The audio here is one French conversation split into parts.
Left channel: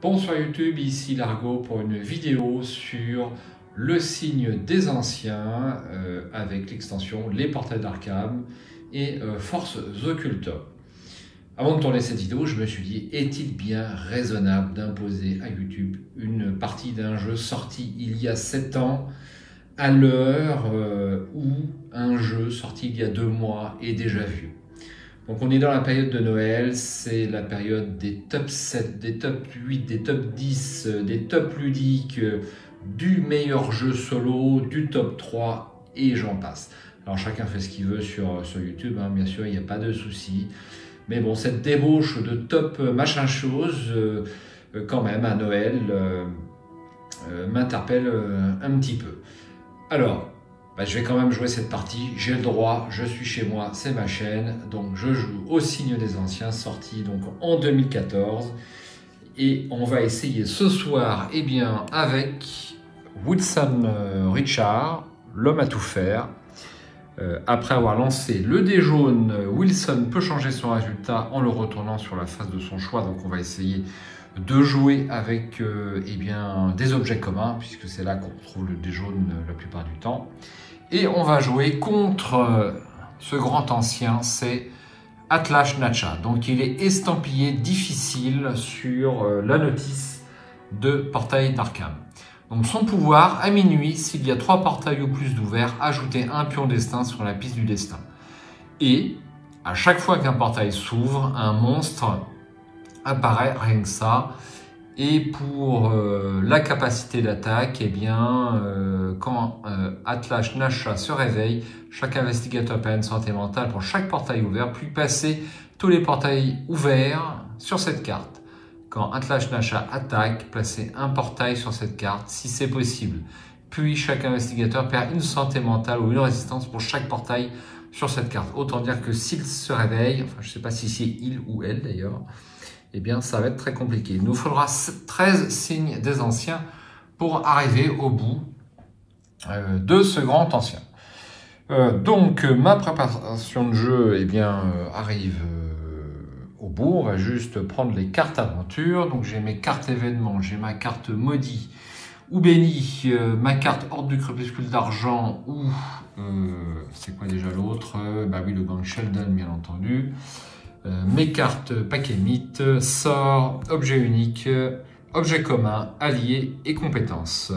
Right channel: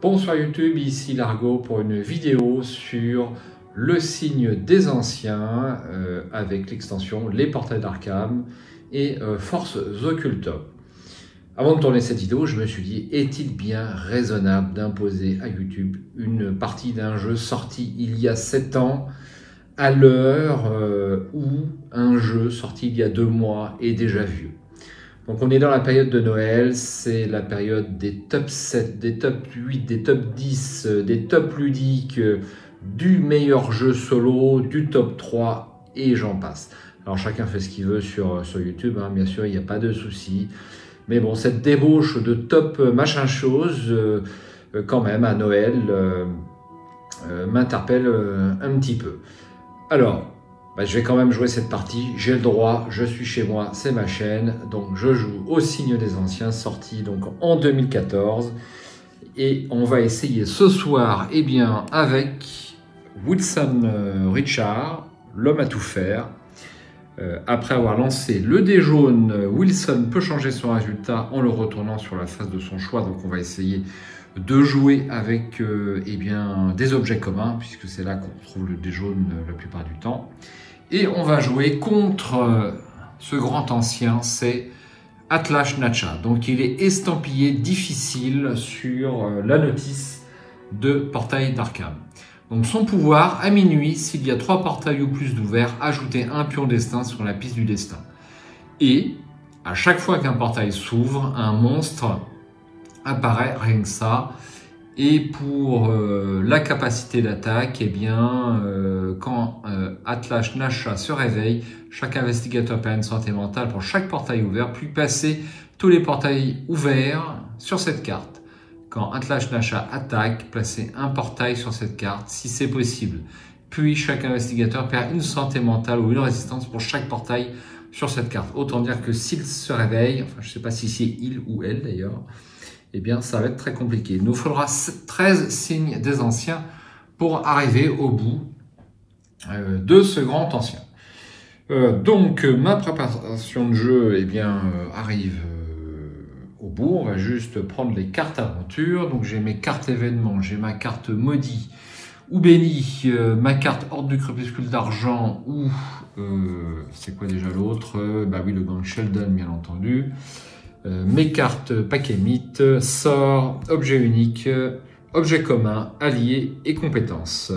Bonsoir YouTube, ici Largo pour une vidéo sur le signe des anciens avec l'extension Les Portails d'Arkham et Forces Occultes. Avant de tourner cette vidéo, je me suis dit, est-il bien raisonnable d'imposer à YouTube une partie d'un jeu sorti il y a 7 ans à l'heure où un jeu sorti il y a 2 mois est déjà vieux? Donc on est dans la période de Noël, c'est la période des top 7, des top 8, des top 10, des top ludiques, du meilleur jeu solo, du top 3 et j'en passe. Alors chacun fait ce qu'il veut sur YouTube, hein, bien sûr, il n'y a pas de souci. Mais bon, cette débauche de top machin chose, quand même à Noël, m'interpelle un petit peu. Alors, je vais quand même jouer cette partie, j'ai le droit, je suis chez moi, c'est ma chaîne, donc je joue au signe des anciens, sorti donc en 2014, et on va essayer ce soir, eh bien, avec Wilson Richard, l'homme à tout faire. Après avoir lancé le dé jaune, Wilson peut changer son résultat en le retournant sur la face de son choix, donc on va essayer de jouer avec eh bien, des objets communs, puisque c'est là qu'on trouve le dé jaune la plupart du temps. Et on va jouer contre ce grand ancien, c'est Atlas Nacha. Donc il est estampillé difficile sur la notice de Portail d'Arkham. Donc son pouvoir, à minuit, s'il y a 3 portails ou plus d'ouverts, ajoutez un pion destin sur la piste du destin. Et à chaque fois qu'un portail s'ouvre, un monstre apparaît, rien que ça. Et pour la capacité d'attaque, eh bien, quand Atlas Nacha se réveille, chaque investigateur perd une santé mentale pour chaque portail ouvert, puis passer tous les portails ouverts sur cette carte. Quand Atlas Nacha attaque, placez un portail sur cette carte, si c'est possible. Puis chaque investigateur perd une santé mentale ou une résistance pour chaque portail sur cette carte. Autant dire que s'il se réveille, enfin je ne sais pas si c'est il ou elle d'ailleurs, eh bien, ça va être très compliqué. Il nous faudra 13 signes des anciens pour arriver au bout de ce grand ancien. Donc, ma préparation de jeu, eh bien, arrive au bout. On va juste prendre les cartes aventure. Donc, j'ai mes cartes événements, j'ai ma carte maudit ou béni, ma carte ordre du crépuscule d'argent ou, c'est quoi déjà l'autre? Bah oui, le gang Sheldon, bien entendu. Mes cartes paquet mythe, sort, objet unique, objet commun, allié et compétences.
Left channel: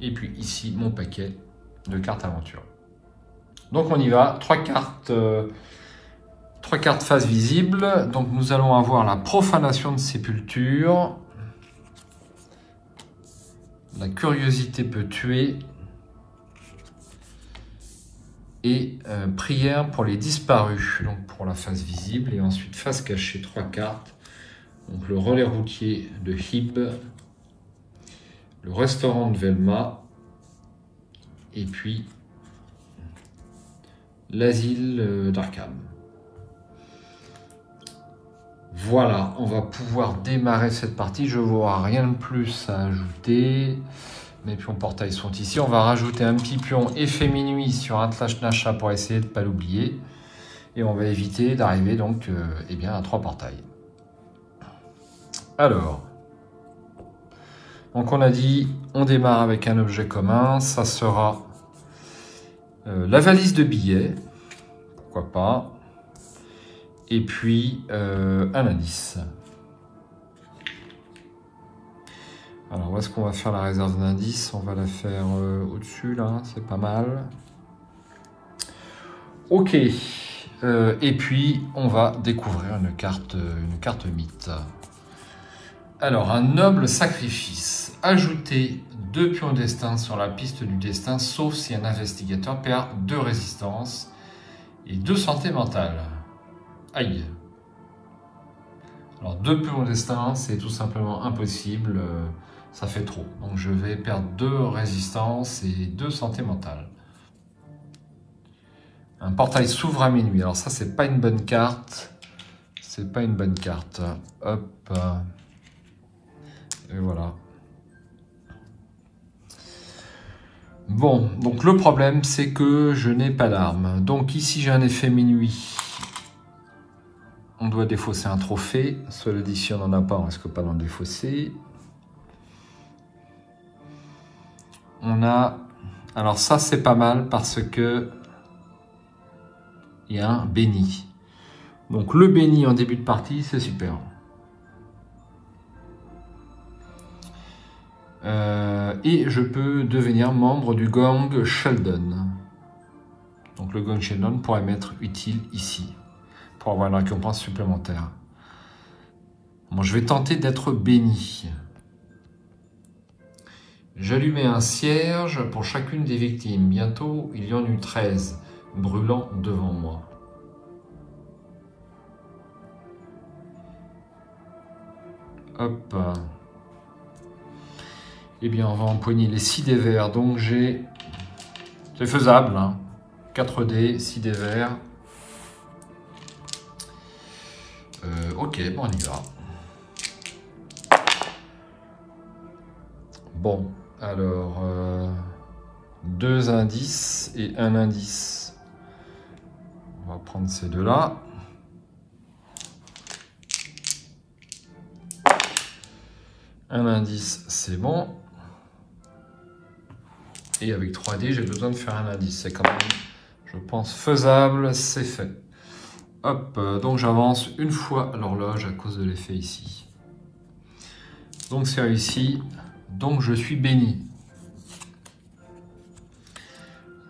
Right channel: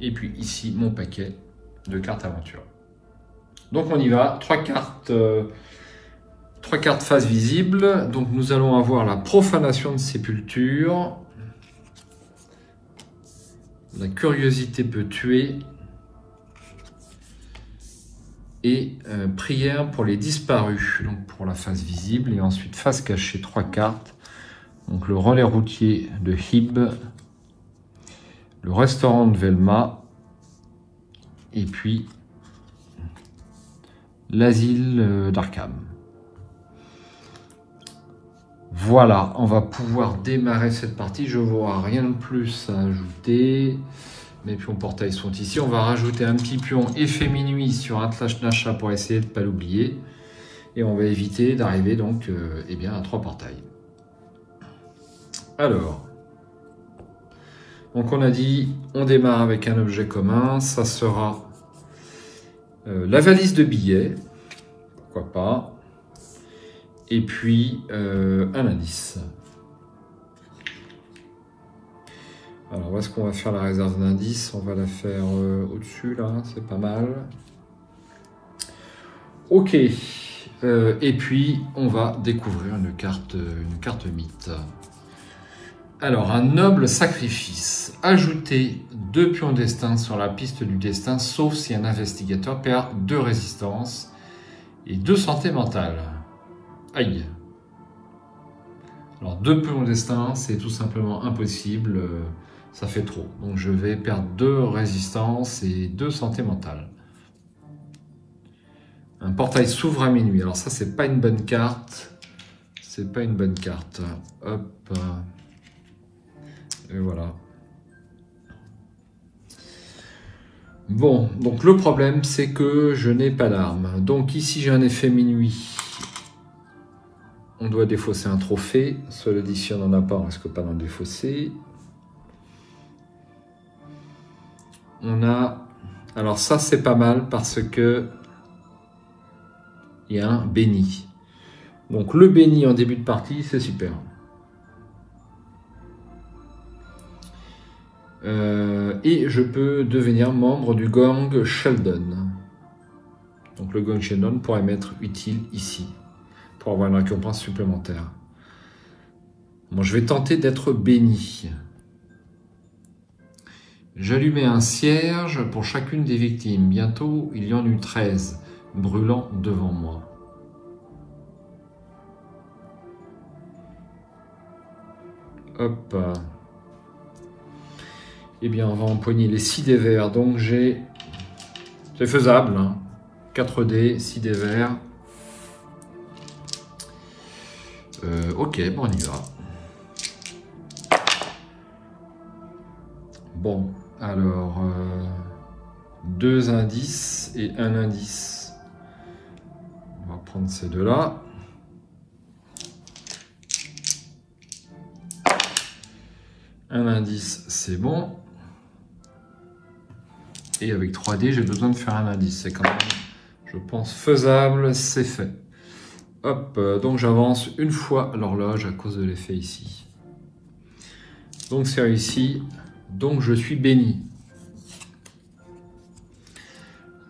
Et puis ici mon paquet de cartes aventure. Donc on y va, 3 cartes face visible. Donc nous allons avoir la profanation de sépulture. La curiosité peut tuer. Et prière pour les disparus, donc pour la face visible, et ensuite face cachée, 3 cartes, donc le relais routier de Hib, le restaurant de Velma, et puis l'asile d'Arkham. Voilà, on va pouvoir démarrer cette partie, je ne vois rien de plus à ajouter. Les pions portails sont ici. On va rajouter un petit pion effet minuit sur Atlas Nacha pour essayer de ne pas l'oublier. Et on va éviter d'arriver donc eh bien, à 3 portails. Alors, donc on a dit, on démarre avec un objet commun. Ça sera la valise de billets. Pourquoi pas. Et puis un indice. Alors, où est-ce qu'on va faire la réserve d'indice? On va la faire au-dessus, là, c'est pas mal. Ok. Et puis, on va découvrir une carte mythe. Alors, un noble sacrifice. Ajoutez 2 pions destin sur la piste du destin, sauf si un investigateur perd 2 résistances et 2 santé mentale. Aïe. Alors, 2 pions destin, c'est tout simplement impossible. Ça fait trop. Donc je vais perdre 2 résistances et 2 santé mentale. Un portail s'ouvre à minuit. Alors ça, c'est pas une bonne carte. C'est pas une bonne carte. Hop. Et voilà. Bon, donc le problème, c'est que je n'ai pas d'arme. Donc ici, j'ai un effet minuit. On doit défausser un trophée. Cela dit, si on n'en a pas, on risque pas d'en défausser. On a... Alors ça, c'est pas mal parce que il y a un béni. Donc le béni en début de partie, c'est super. Et je peux devenir membre du gang Sheldon. Donc le gang Sheldon pourrait m'être utile ici, pour avoir une récompense supplémentaire. Bon, je vais tenter d'être béni. J'allumais un cierge pour chacune des victimes. Bientôt, il y en eut 13, brûlant devant moi. Hop. Eh bien, on va empoigner les 6 dés verts. Donc, j'ai... C'est faisable, hein. 4 dés, 6 dés verts. Ok, bon, on y va. Bon, alors... 2 indices et 1 indice. On va prendre ces deux-là. Un indice, c'est bon. Et avec 3 dés, j'ai besoin de faire un indice. C'est quand même, je pense, faisable, c'est fait. Hop, donc j'avance une fois l'horloge à cause de l'effet ici. Donc c'est réussi. Donc je suis béni.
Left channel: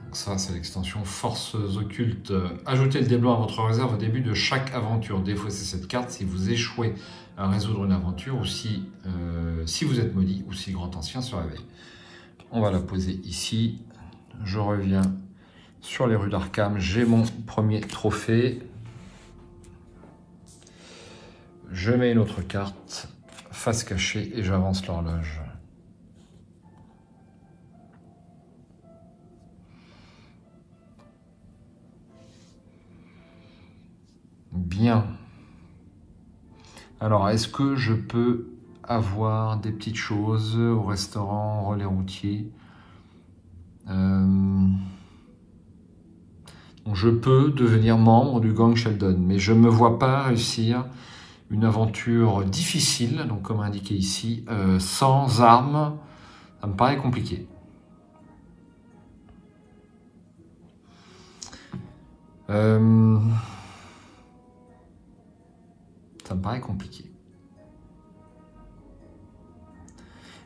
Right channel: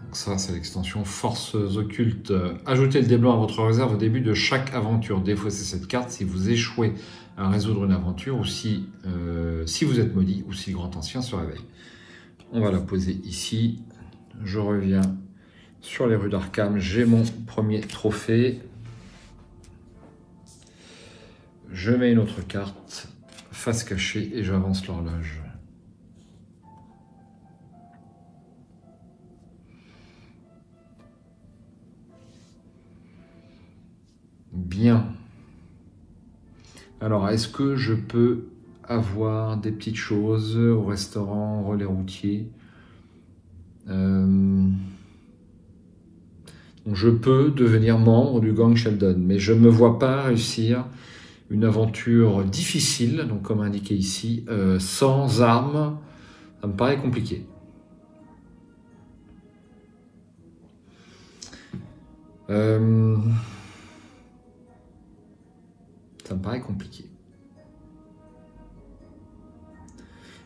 Donc ça, c'est l'extension Forces occultes. Ajoutez le dé blanc à votre réserve au début de chaque aventure. Défaussez cette carte si vous échouez à résoudre une aventure ou si vous êtes maudit ou si le grand ancien se réveille. On va la poser ici. Je reviens sur les rues d'Arkham. J'ai mon premier trophée. Je mets une autre carte, face cachée, et j'avance l'horloge. Bien. Alors, est-ce que je peux avoir des petites choses au restaurant, au relais routier? Je peux devenir membre du gang Sheldon, mais je ne me vois pas réussir une aventure difficile, donc comme indiqué ici, sans armes. Ça me paraît compliqué. Ça me paraît compliqué.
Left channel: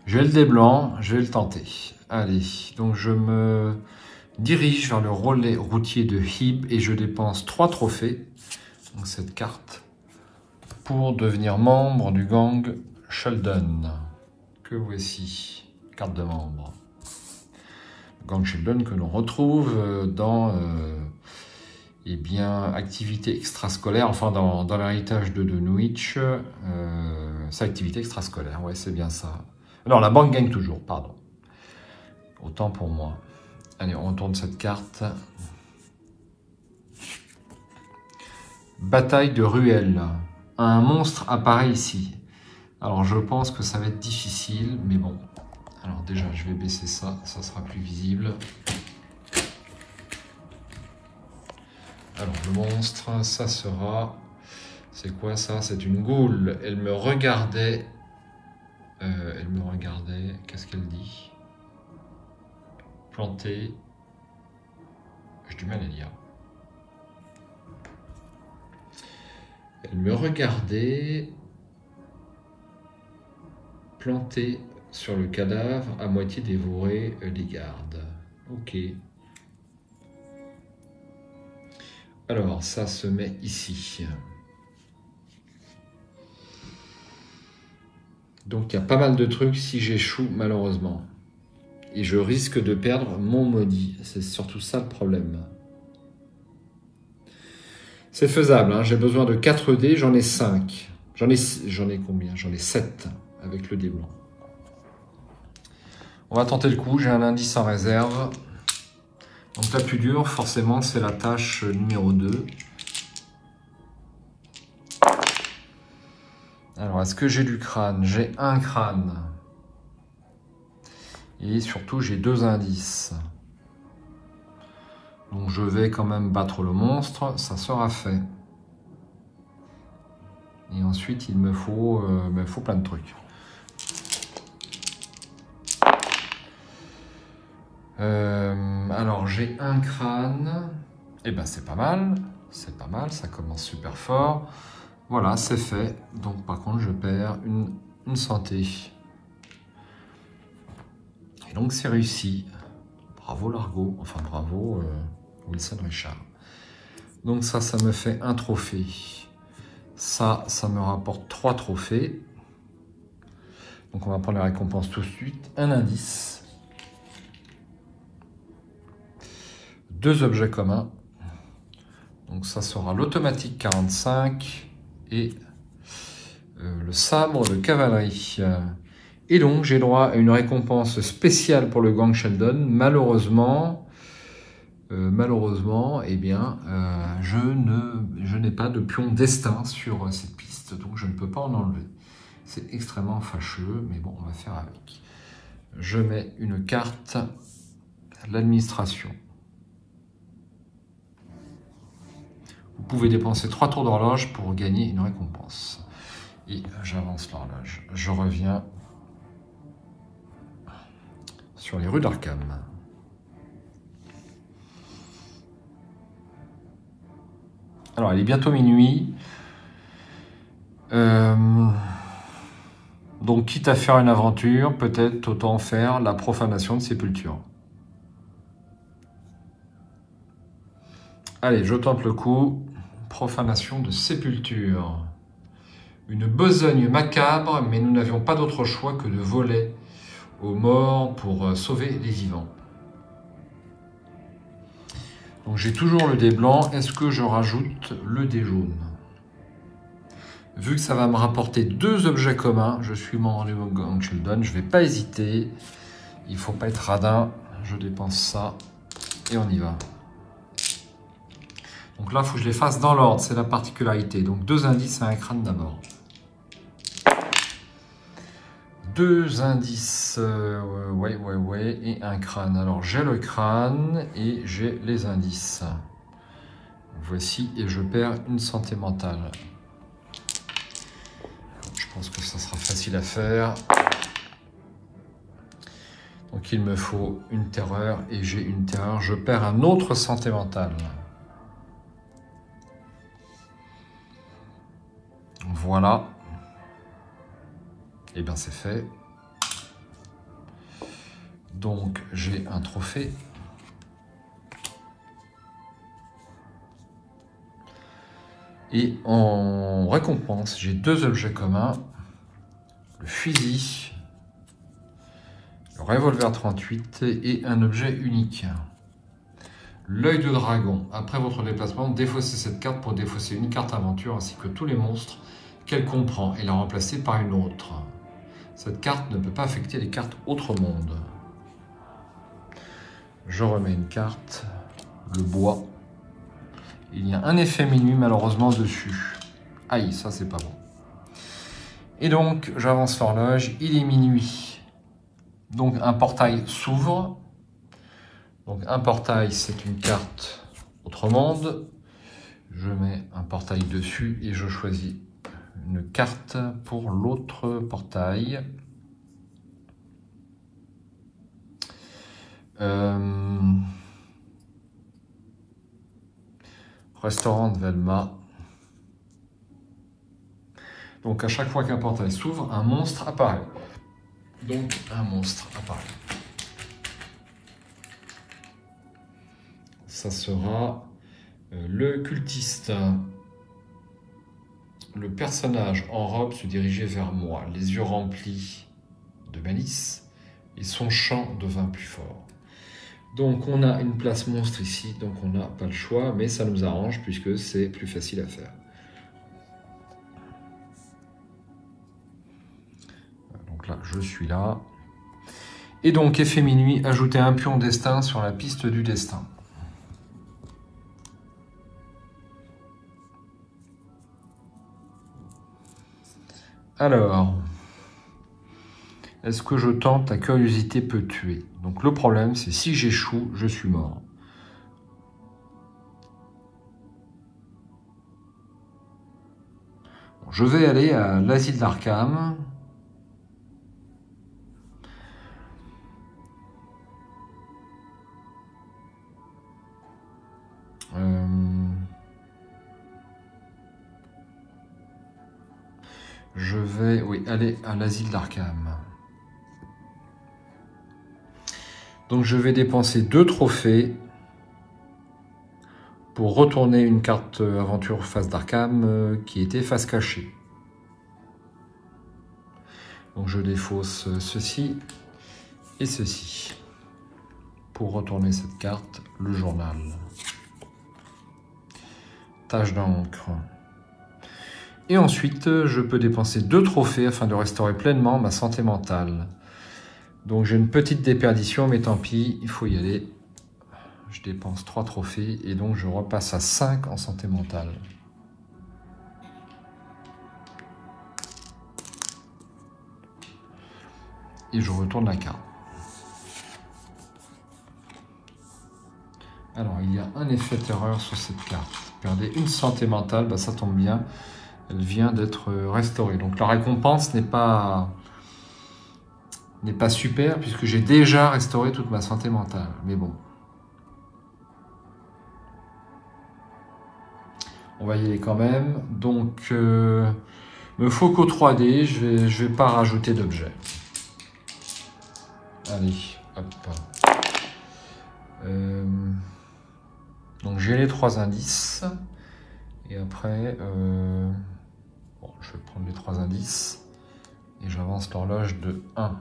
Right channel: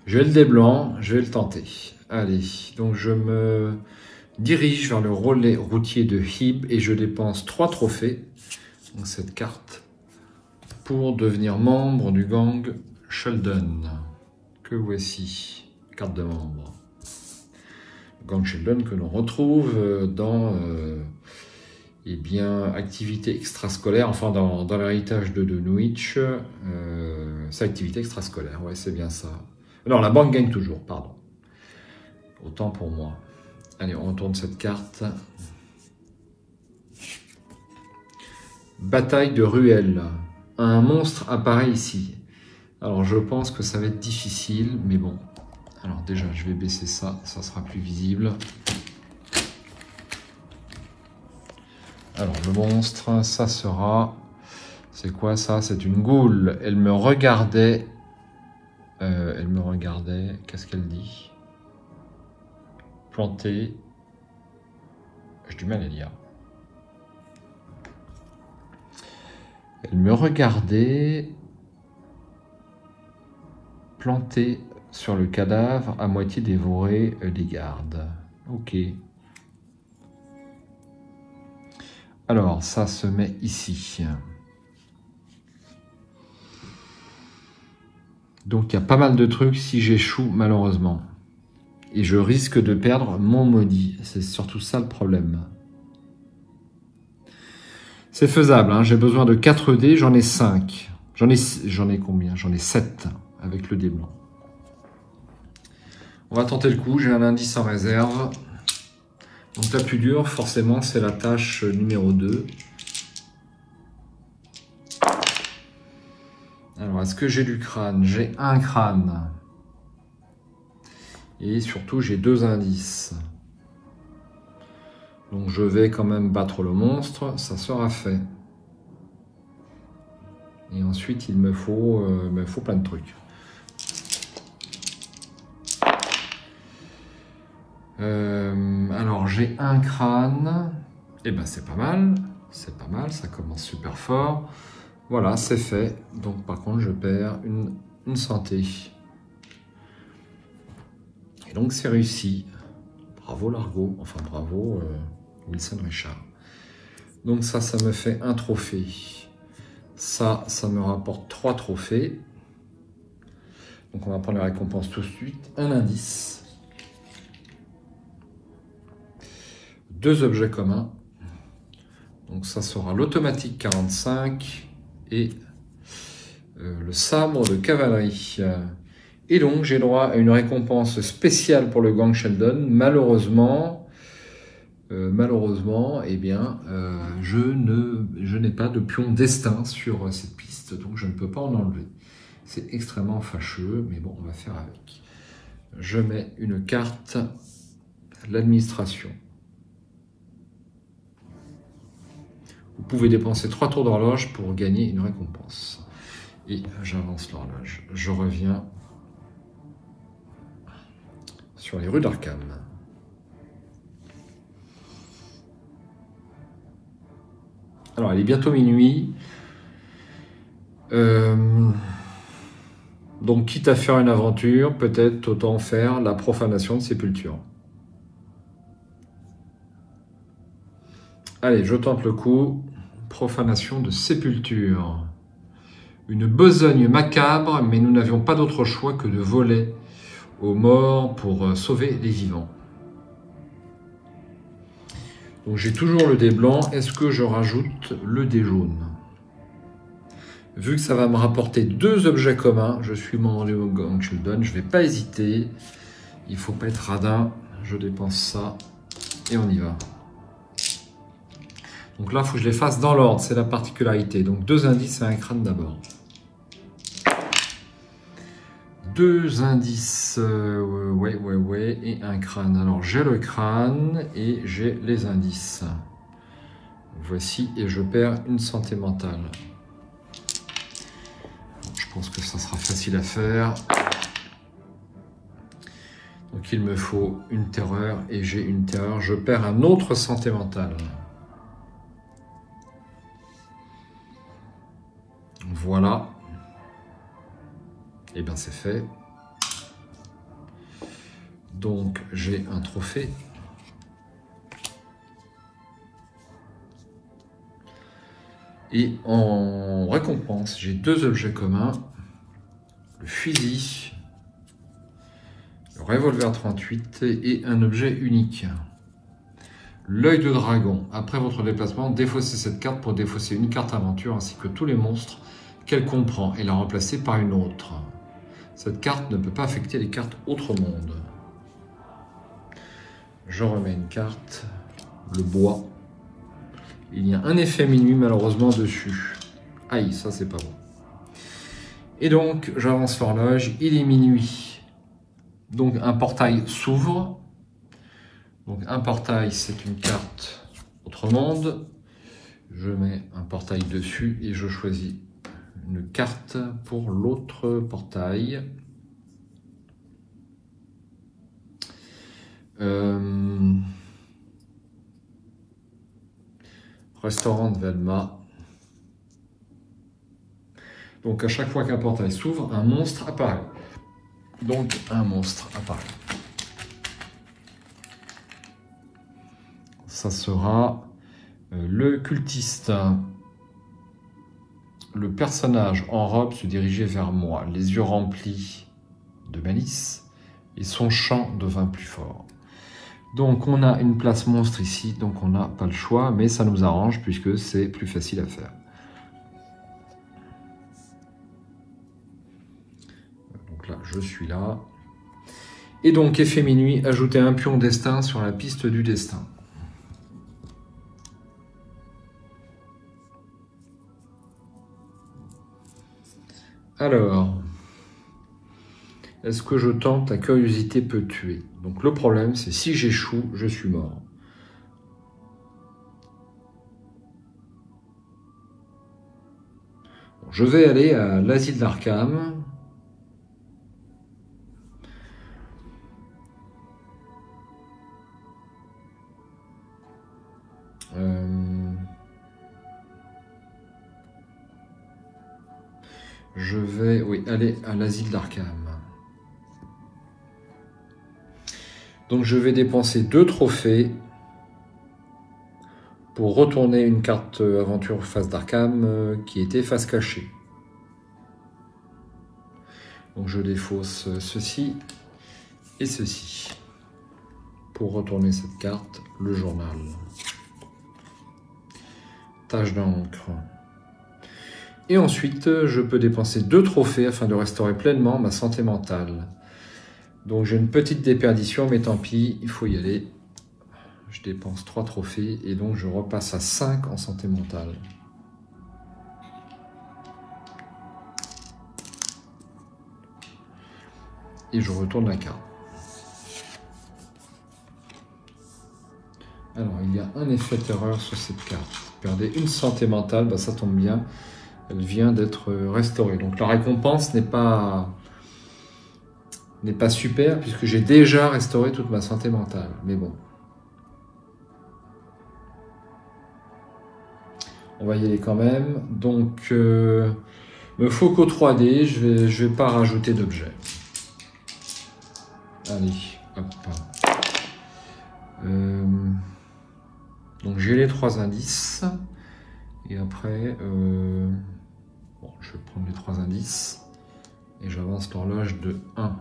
J'ai le dé blanc, je vais le tenter. Allez, donc je me dirige vers le relais routier de Hib et je dépense 3 trophées, donc cette carte, pour devenir membre du gang Sheldon. Que voici, carte de membre. Le gang Sheldon que l'on retrouve dans eh bien, activité extrascolaire, enfin dans l'héritage de Dunwich, c'est activité extrascolaire, ouais, c'est bien ça. Non, la banque gagne toujours, pardon. Autant pour moi. Allez, on tourne cette carte. Bataille de ruelle. Un monstre apparaît ici. Alors, je pense que ça va être difficile, mais bon. Alors déjà, je vais baisser ça, ça sera plus visible. Alors, le monstre, ça sera... C'est quoi ça? C'est une goule. Elle me regardait. Qu'est-ce qu'elle dit? Planté. J'ai du mal à lire. Elle me regardait. Planté sur le cadavre, à moitié dévoré des gardes. Ok. Alors, ça se met ici. Donc, il y a pas mal de trucs si j'échoue, malheureusement. Et je risque de perdre mon maudit. C'est surtout ça le problème. C'est faisable, hein. J'ai besoin de 4 dés, j'en ai 5. J'en ai combien? J'en ai 7 avec le dé blanc. On va tenter le coup, j'ai un indice en réserve. Donc la plus dure, forcément, c'est la tâche numéro 2. Alors, est-ce que j'ai du crâne? J'ai un crâne. Et surtout, j'ai 2 indices. Donc, je vais quand même battre le monstre. Ça sera fait. Et ensuite, il me faut plein de trucs. Alors, j'ai un crâne. Et ben, c'est pas mal. C'est pas mal, ça commence super fort. Voilà, c'est fait. Donc, par contre, je perds une santé. Et donc, c'est réussi. Bravo, Largo. Enfin, bravo, Wilson Richard. Donc, ça me fait un trophée. Ça me rapporte 3 trophées. Donc, on va prendre la récompense tout de suite. Un indice. 2 objets communs. Donc, ça sera l'automatique 45 et le sabre de cavalerie. Et donc, j'ai droit à une récompense spéciale pour le gang Sheldon. Malheureusement, eh bien, je n'ai pas de pion destin sur cette piste, donc je ne peux pas en enlever. C'est extrêmement fâcheux, mais bon, on va faire avec. Je mets une carte, l'administration. Vous pouvez dépenser 3 tours d'horloge pour gagner une récompense. Et j'avance l'horloge. Je reviens sur les rues d'Arkham. Alors, il est bientôt minuit. Donc, quitte à faire une aventure, peut-être autant faire la profanation de sépulture. Allez, je tente le coup. Profanation de sépulture. Une besogne macabre, mais nous n'avions pas d'autre choix que de voler aux morts pour sauver les vivants. Donc j'ai toujours le dé blanc. Est-ce que je rajoute le dé jaune? Vu que ça va me rapporter 2 objets communs, je suis membre du gang Sheldon, je ne vais pas hésiter. Il ne faut pas être radin. Je dépense ça et on y va. Donc là, il faut que je les fasse dans l'ordre, c'est la particularité. Donc 2 indices et un crâne d'abord. 2 indices, ouais, et un crâne. Alors j'ai le crâne et j'ai les indices. Voici, et je perds une santé mentale. Je pense que ça sera facile à faire. Donc il me faut une terreur et j'ai une terreur. Je perds un autre santé mentale. Voilà. Et bien c'est fait. Donc j'ai un trophée. Et en récompense, j'ai 2 objets communs. Le fusil, le revolver 38 et un objet unique. L'œil de dragon. Après votre déplacement, défaussez cette carte pour défausser une carte aventure ainsi que tous les monstres qu'elle comprend et la remplacer par une autre. Cette carte ne peut pas affecter les cartes autre monde. Je remets une carte, le bois. Il y a un effet minuit malheureusement dessus. Aïe, ça c'est pas bon. Et donc j'avance l'horloge, il est minuit. Donc un portail s'ouvre. Donc un portail c'est une carte autre monde. Je mets un portail dessus et je choisis une carte pour l'autre portail. Restaurant de Velma. Donc à chaque fois qu'un portail s'ouvre, un monstre apparaît. Donc un monstre apparaît. Ça sera le cultiste. Le personnage en robe se dirigeait vers moi, les yeux remplis de malice, et son chant devint plus fort. Donc on a une place monstre ici, donc on n'a pas le choix, mais ça nous arrange puisque c'est plus facile à faire. Donc là, je suis là. Et donc, effet minuit, ajouter un pion destin sur la piste du destin. Alors, est-ce que je tente la curiosité peut tuer? Donc le problème, c'est si j'échoue, je suis mort. je vais aller à l'asile d'Arkham. Je vais, oui, aller à l'asile d'Arkham. Donc je vais dépenser 2 trophées pour retourner une carte aventure face d'Arkham qui était face cachée. Donc je défausse ceci et ceci pour retourner cette carte, le journal. Tache d'encre. Et ensuite, je peux dépenser 2 trophées afin de restaurer pleinement ma santé mentale. Donc j'ai une petite déperdition, mais tant pis, il faut y aller. Je dépense 3 trophées et donc je repasse à 5 en santé mentale. Et je retourne la carte. Alors, il y a un effet terreur sur cette carte. Perdez une santé mentale, bah, ça tombe bien. Elle vient d'être restaurée. Donc la récompense n'est pas super puisque j'ai déjà restauré toute ma santé mentale. Mais bon. On va y aller quand même. Donc, me faut qu'au 3D, je vais pas rajouter d'objets. Allez, hop. Donc j'ai les 3 indices. Et après, bon, je vais prendre les 3 indices. Et j'avance l'horloge de 1.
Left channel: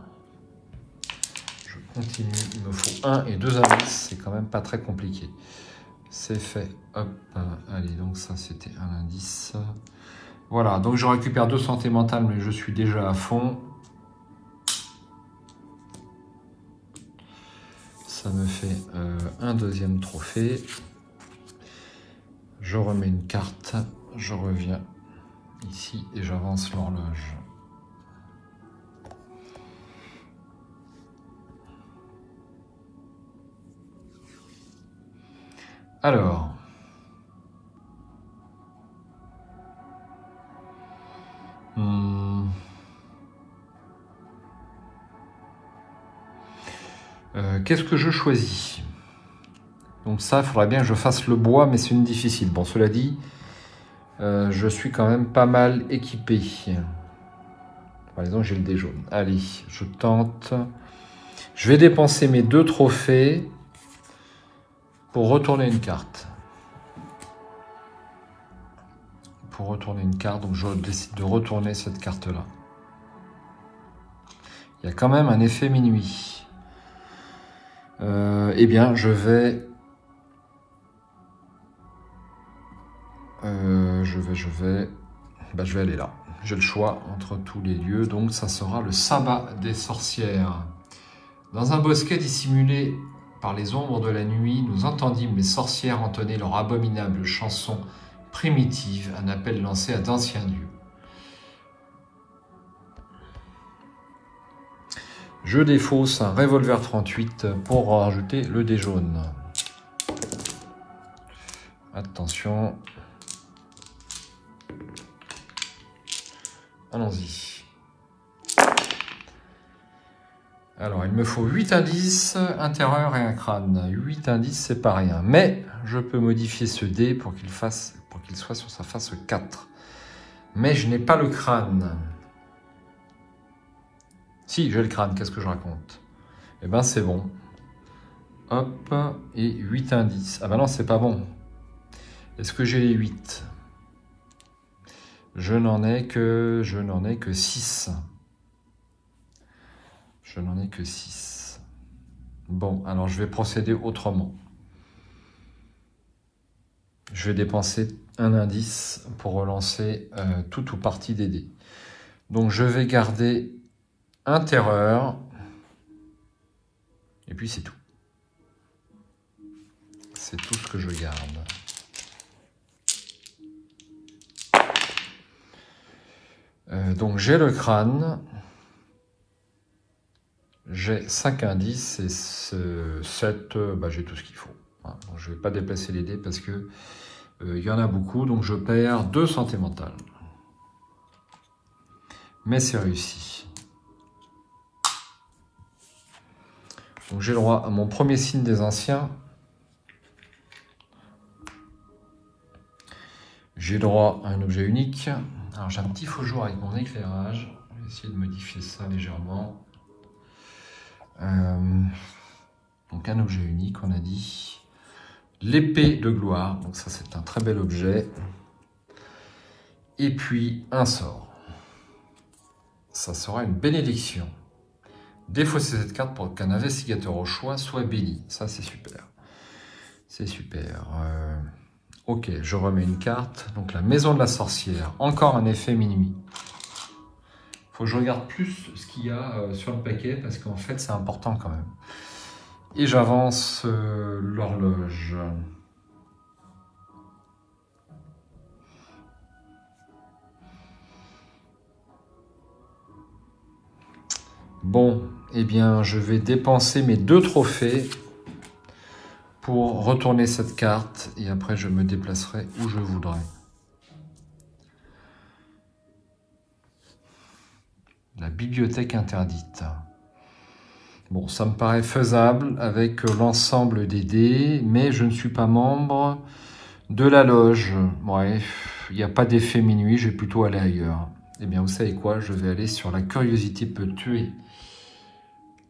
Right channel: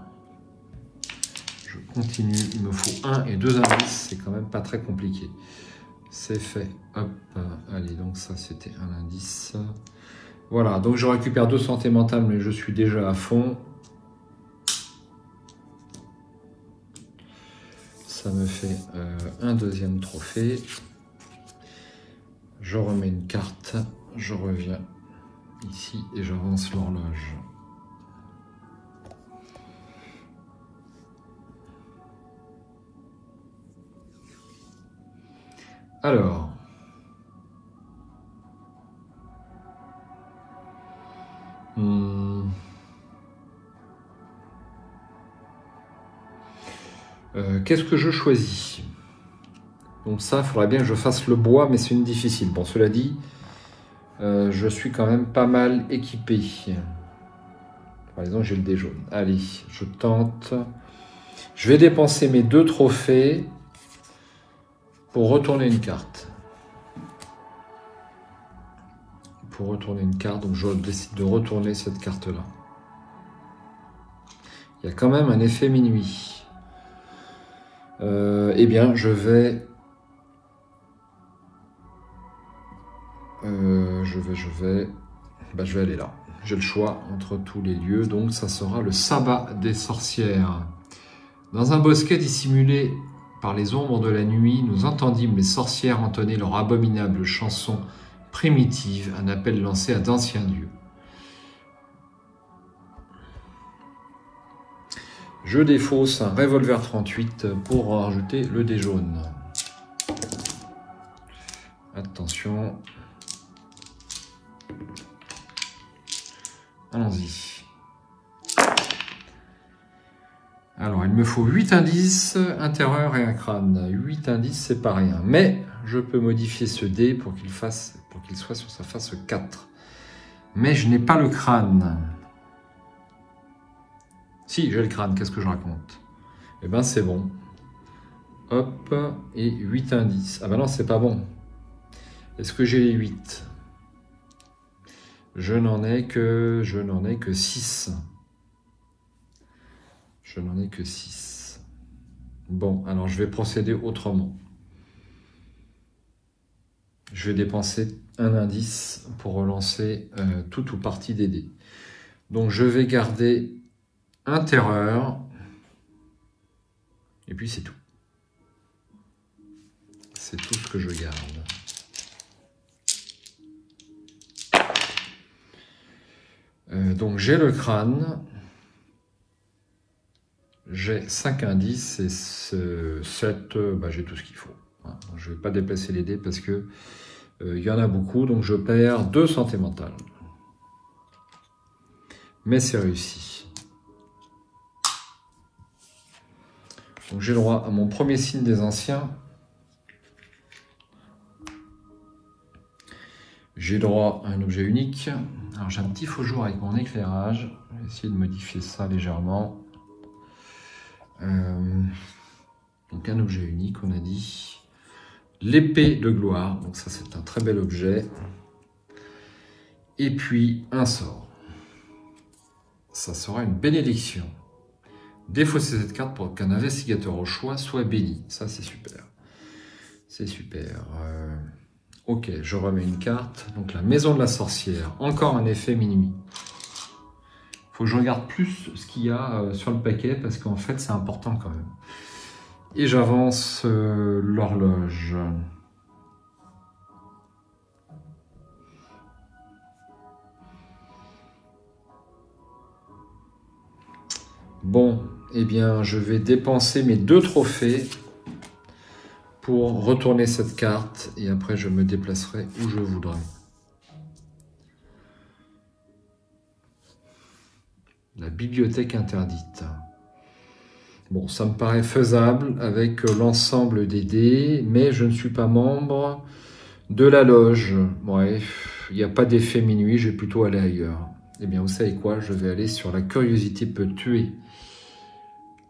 Je continue, il me faut 1 et 2 indices. C'est quand même pas très compliqué. C'est fait. Hop. Allez, donc ça c'était un indice. Voilà, donc je récupère 2 santé mentale, mais je suis déjà à fond. Ça me fait un deuxième trophée. Je remets une carte, je reviens ici et j'avance l'horloge. Alors, qu'est-ce que je choisis? Donc ça, il faudra bien que je fasse le bois, mais c'est une difficile. Bon, cela dit, je suis quand même pas mal équipé. Par exemple, j'ai le dé jaune. Allez, je tente. Je vais dépenser mes 2 trophées pour retourner une carte. Pour retourner une carte, donc je décide de retourner cette carte-là. Il y a quand même un effet minuit. Eh bien, je vais aller là. J'ai le choix entre tous les lieux, donc ça sera le sabbat des sorcières. Dans un bosquet dissimulé par les ombres de la nuit, nous entendîmes les sorcières entonner leur abominable chanson primitive, un appel lancé à d'anciens dieux. Je défausse un revolver 38 pour rajouter le dé jaune. Attention. Allons-y. Alors, il me faut 8 indices, un terreur et un crâne. 8 indices, c'est pas rien. Mais je peux modifier ce dé pour qu'il soit sur sa face 4. Mais je n'ai pas le crâne. Si, j'ai le crâne, qu'est-ce que je raconte? Eh ben, c'est bon. Hop, et 8 indices. Ah ben non, c'est pas bon. Est-ce que j'ai les 8? Je n'en ai que 6. Je n'en ai que 6. Bon, alors je vais procéder autrement. Je vais dépenser un indice pour relancer tout ou partie des dés. Donc je vais garder un terreur. Et puis c'est tout. C'est tout ce que je garde. Donc j'ai le crâne. J'ai 5 indices et 7, j'ai tout ce qu'il faut. Voilà. Je ne vais pas déplacer les dés parce que il y en a beaucoup, donc je perds 2 santé mentale. mais c'est réussi. Donc j'ai le droit à mon premier signe des anciens. J'ai droit à un objet unique. Alors j'ai un petit faux jour avec mon éclairage. Je vais essayer de modifier ça légèrement. Donc un objet unique, on a dit. L'épée de gloire. Donc ça c'est un très bel objet. Et puis un sort. Ça sera une bénédiction. Défausser cette carte pour qu'un investigateur au choix soit béni. Ça c'est super. C'est super. Ok, je remets une carte. Donc la maison de la sorcière. Encore un effet minuit. Il faut que je regarde plus ce qu'il y a sur le paquet parce qu'en fait c'est important quand même. Et j'avance l'horloge. Bon, eh bien je vais dépenser mes 2 trophées pour retourner cette carte et après je me déplacerai où je voudrais. La bibliothèque interdite. Bon, ça me paraît faisable avec l'ensemble des dés, mais je ne suis pas membre de la loge. Bref, il n'y a pas d'effet minuit, je vais plutôt aller ailleurs. Eh bien, vous savez quoi? Je vais aller sur la curiosité peut tuer.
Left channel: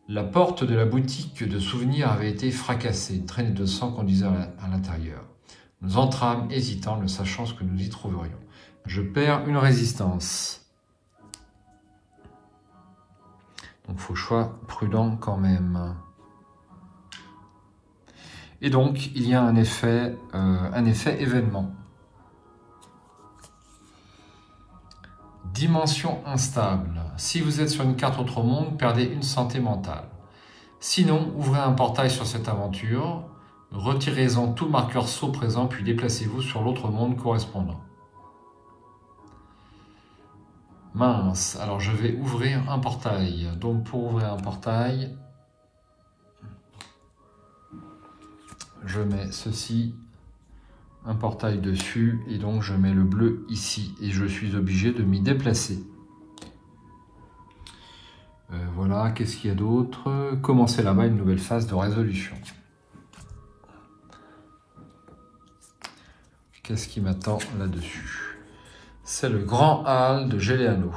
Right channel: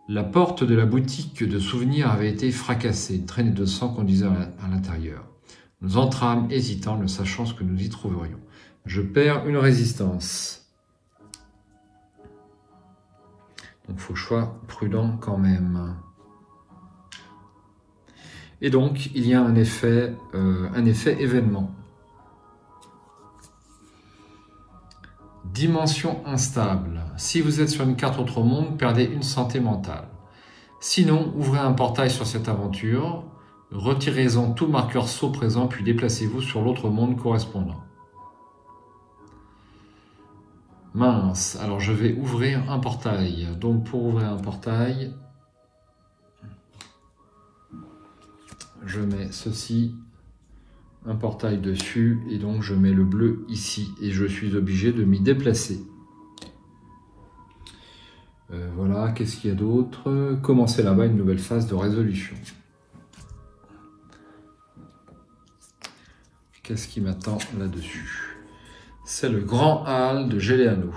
La porte de la boutique de souvenirs avait été fracassée. Une traînée de sang conduisait à l'intérieur. Nous entrâmes hésitants, ne sachant ce que nous y trouverions. Je perds une résistance. Donc, il faut choix prudent quand même. Et donc, il y a un effet événement. Dimension instable. Si vous êtes sur une carte autre monde, perdez une santé mentale. Sinon, ouvrez un portail sur cette aventure, retirez-en tout marqueur saut présent, puis déplacez-vous sur l'autre monde correspondant. Mince, alors je vais ouvrir un portail. Donc pour ouvrir un portail, je mets ceci, un portail dessus, et donc je mets le bleu ici, et je suis obligé de m'y déplacer. Voilà, qu'est-ce qu'il y a d'autre? Commencer là-bas une nouvelle phase de résolution. Qu'est-ce qui m'attend là-dessus? C'est le grand hall de Géléano.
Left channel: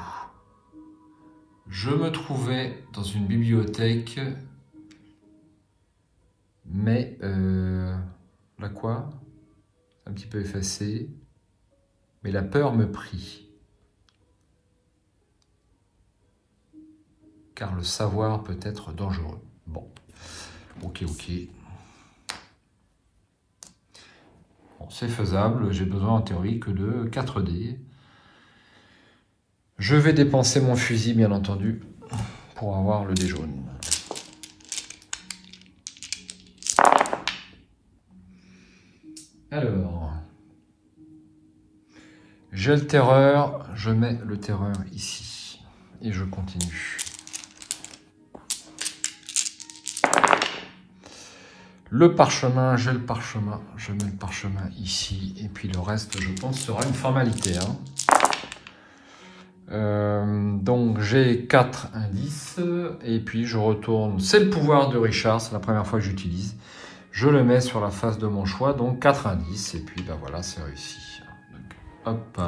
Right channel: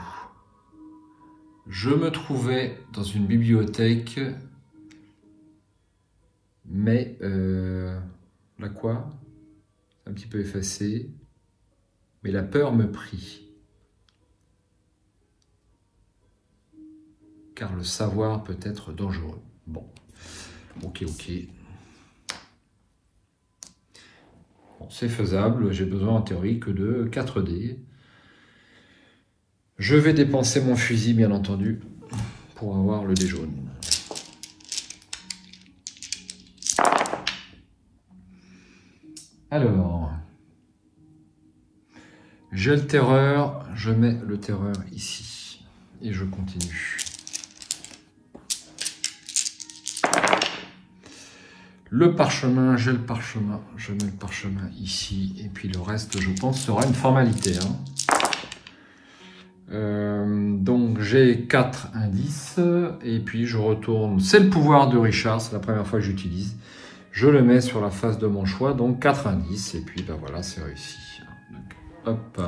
Je me trouvais dans une bibliothèque, mais là quoi? Un petit peu effacé, mais la peur me prit. Car le savoir peut être dangereux. Bon, ok. Bon, c'est faisable, j'ai besoin en théorie que de 4 dés. Je vais dépenser mon fusil, bien entendu, pour avoir le dé jaune. Alors, j'ai le terreur, je mets le terreur ici. Et je continue. Le parchemin, j'ai le parchemin, je mets le parchemin ici. Et puis le reste, je pense, sera une formalité. Hein. Donc j'ai 4 indices et puis je retourne, c'est le pouvoir de Richard, c'est la première fois que j'utilise, je le mets sur la face de mon choix, donc 4 indices et puis ben voilà, c'est réussi. Donc, hop,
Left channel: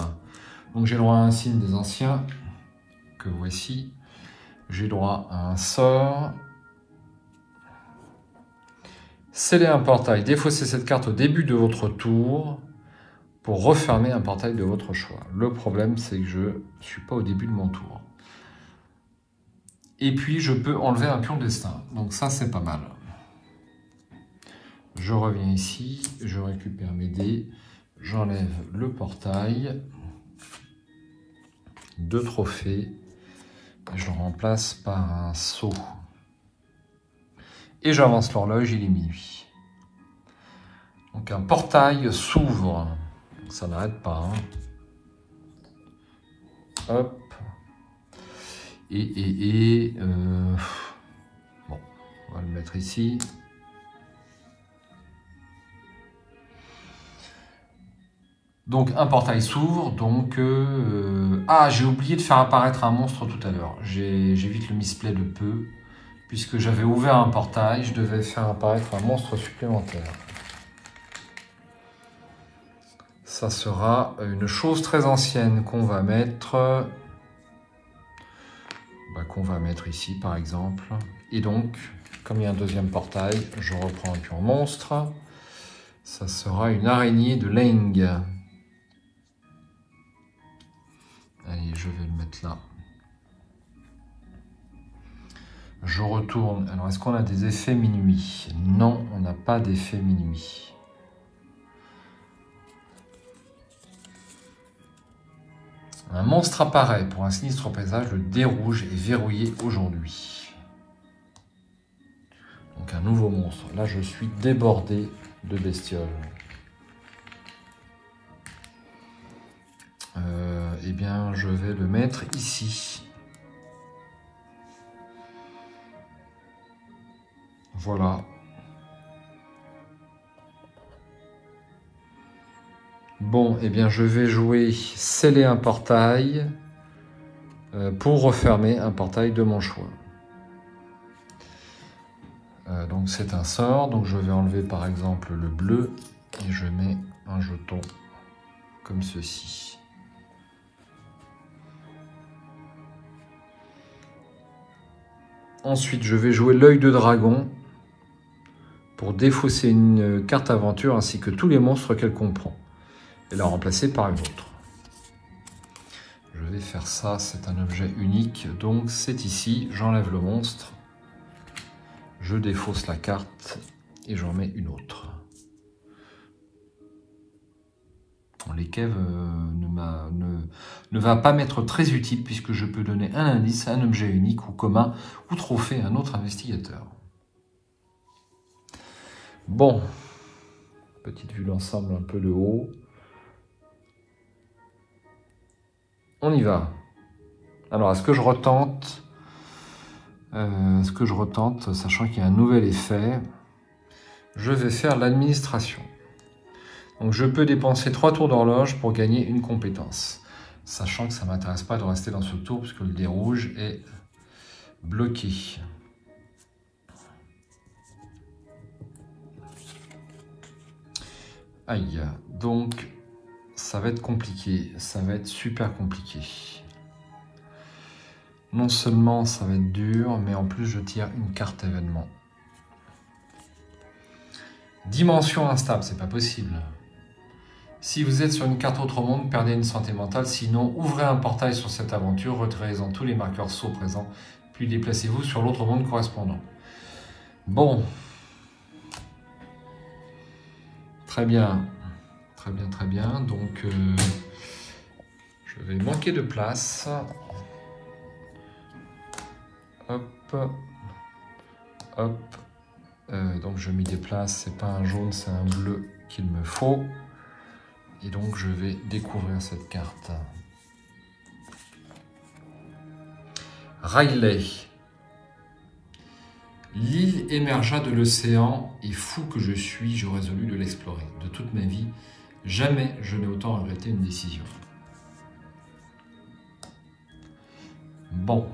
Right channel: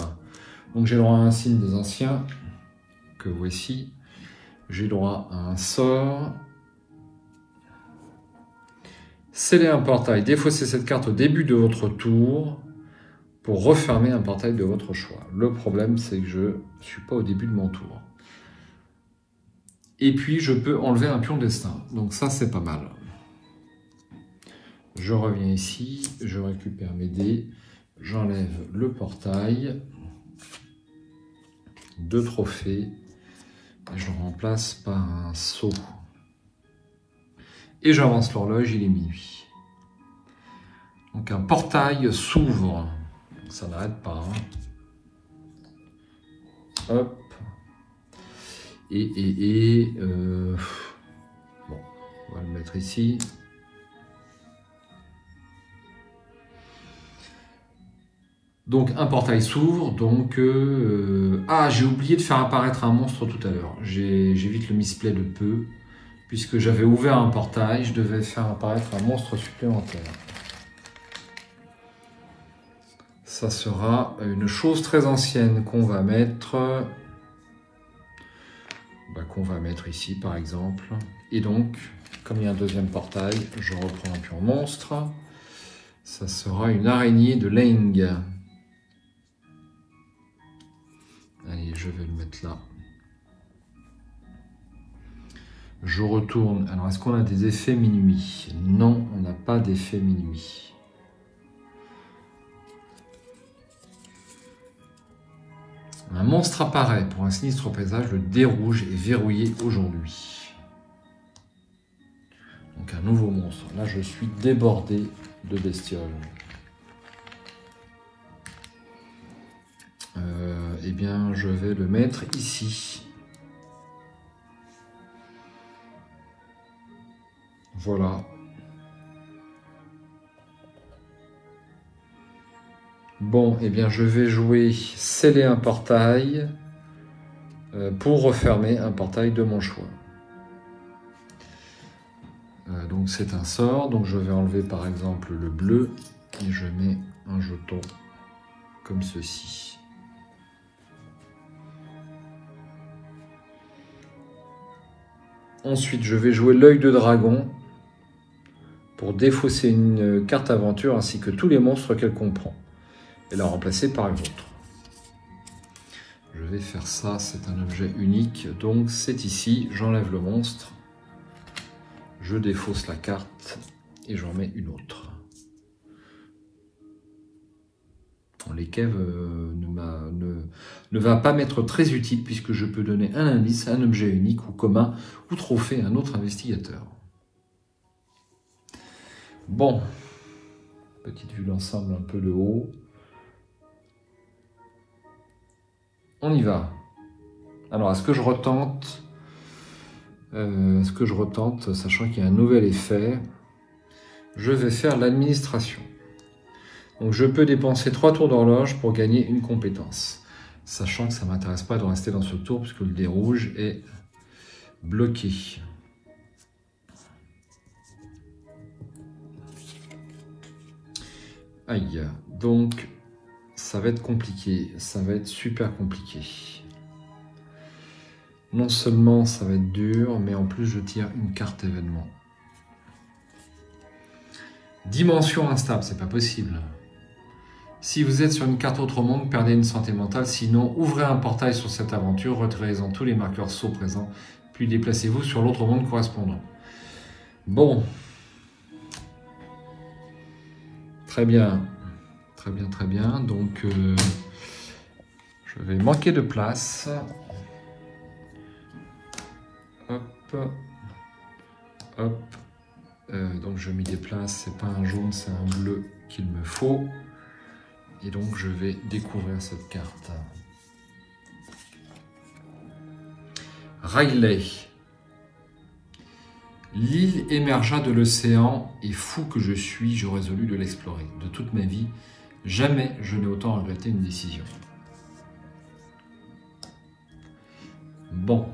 donc j'ai le droit à un signe des anciens que voici, j'ai droit à un sort, sceller un portail, défausser cette carte au début de votre tour pour refermer un portail de votre choix. Le problème, c'est que je ne suis pas au début de mon tour. Et puis, je peux enlever un pion destin. Donc ça, c'est pas mal. Je reviens ici, je récupère mes dés, j'enlève le portail, 2 trophées, je remplace par un seau. Et j'avance l'horloge, il est minuit. Donc un portail s'ouvre. Ça n'arrête pas. Hein. Hop. Bon, on va le mettre ici. Donc un portail s'ouvre, donc... Ah, j'ai oublié de faire apparaître un monstre tout à l'heure. J'évite le misplay de peu. Puisque j'avais ouvert un portail, je devais faire apparaître un monstre supplémentaire. Ça sera une chose très ancienne qu'on va mettre... qu'on va mettre ici par exemple. Et donc, comme il y a un deuxième portail, je reprends un pur monstre. Ça sera une araignée de Leng. Allez, je vais le mettre là. Je retourne. Alors, est-ce qu'on a des effets minuit? Non, on n'a pas d'effet minuit. Un monstre apparaît. Pour un sinistre paysage, le dé rouge est verrouillé aujourd'hui. Donc, un nouveau monstre. Là, je suis débordé de bestioles. Eh bien, je vais le mettre ici. Voilà. Bon, eh bien, je vais jouer sceller un portail pour refermer un portail de mon choix. Donc, c'est un sort. Donc, je vais enlever par exemple le bleu et je mets un jeton comme ceci. Ensuite, je vais jouer l'œil de dragon pour défausser une carte aventure ainsi que tous les monstres qu'elle comprend et la remplacer par un autre. Je vais faire ça, c'est un objet unique, donc c'est ici, j'enlève le monstre, je défausse la carte et j'en mets une autre. Les caves ne va pas m'être très utile puisque je peux donner un indice à un objet unique ou commun ou trophée à un autre investigateur. Bon, petite vue d'ensemble un peu de haut. On y va. Alors, est-ce que je retente? Sachant qu'il y a un nouvel effet, je vais faire l'administration. Donc, je peux dépenser 3 tours d'horloge pour gagner une compétence. Sachant que ça ne m'intéresse pas de rester dans ce tour puisque le dé rouge est bloqué. Aïe, donc ça va être compliqué, ça va être super compliqué. Non seulement ça va être dur, mais en plus je tire une carte événement. Dimension instable, c'est pas possible. Si vous êtes sur une carte autre monde, perdez une santé mentale, sinon ouvrez un portail sur cette aventure, retirez-en tous les marqueurs sauts présents, puis déplacez-vous sur l'autre monde correspondant. Bon. Très bien. Très bien, très bien. Donc, je vais manquer de place. Hop. Hop. Donc, je m'y déplace. C'est pas un jaune, c'est un bleu qu'il me faut. Et donc, je vais découvrir cette carte. Riley. L'île émergea de l'océan et fou que je suis, je résolus de l'explorer. De toute ma vie, jamais je n'ai autant regretté une décision. Bon.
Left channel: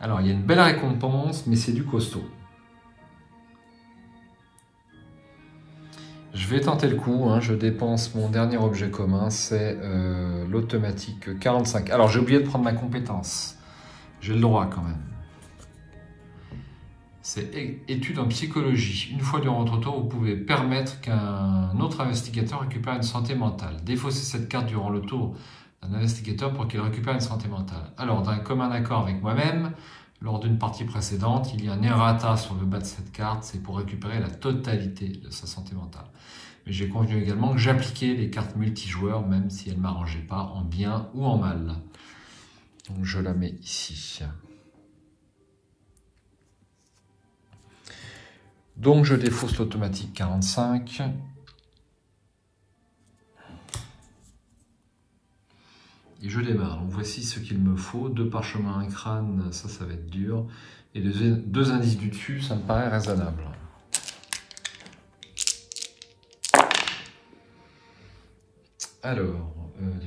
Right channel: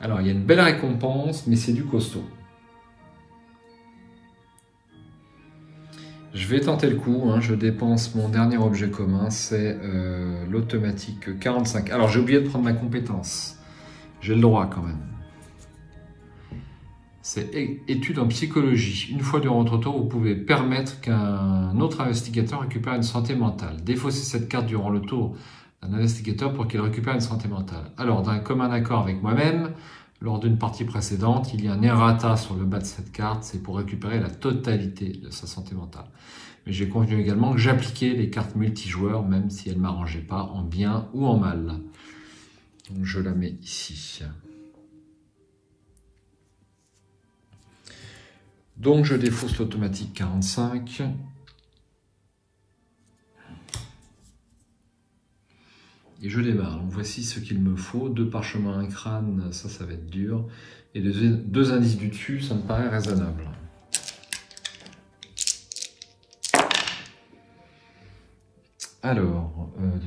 Alors, il y a une belle récompense, mais c'est du costaud. Je vais tenter le coup, hein. Je dépense mon dernier objet commun, c'est l'automatique 45. Alors, j'ai oublié de prendre ma compétence. J'ai le droit quand même. C'est étude en psychologie. Une fois durant votre tour, vous pouvez permettre qu'un autre investigateur récupère une santé mentale. Défaussez cette carte durant le tour d'un investigateur pour qu'il récupère une santé mentale. Alors, d'un commun accord avec moi-même, lors d'une partie précédente, il y a un errata sur le bas de cette carte. C'est pour récupérer la totalité de sa santé mentale. Mais j'ai convenu également que j'appliquais les cartes multijoueurs, même si elles ne m'arrangeaient pas en bien ou en mal. Donc, je la mets ici. Donc, je défausse l'automatique 45. Et je démarre. Donc, voici ce qu'il me faut. 2 parchemins, un crâne, ça va être dur. Et les 2 indices du dessus, ça me paraît raisonnable. Alors,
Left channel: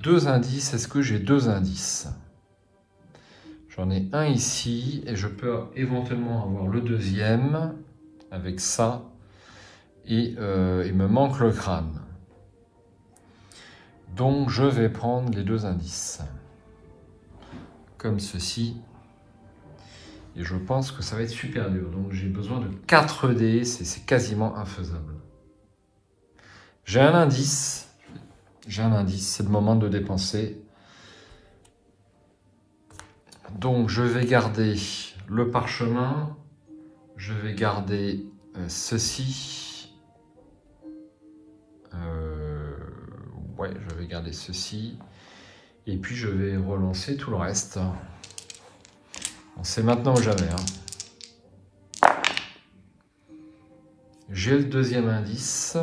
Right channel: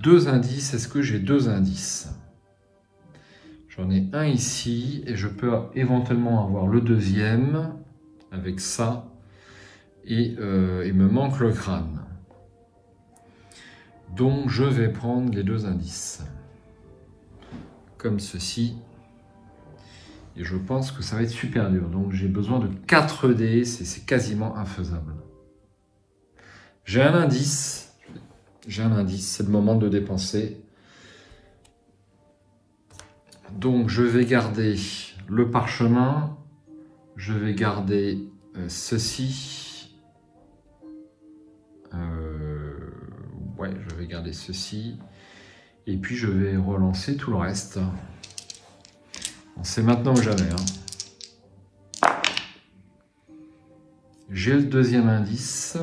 deux indices. Est-ce que j'ai deux indices? J'en ai un ici et je peux éventuellement avoir le deuxième avec ça. Et il me manque le crâne. Donc, je vais prendre les deux indices. Comme ceci. Et je pense que ça va être super dur. Donc, j'ai besoin de 4 dés. C'est quasiment infaisable. J'ai un indice. C'est le moment de dépenser. Donc, je vais garder le parchemin. Je vais garder ceci. Ouais, je vais garder ceci. Et puis, je vais relancer tout le reste. C'est maintenant ou jamais. Hein. J'ai le deuxième indice.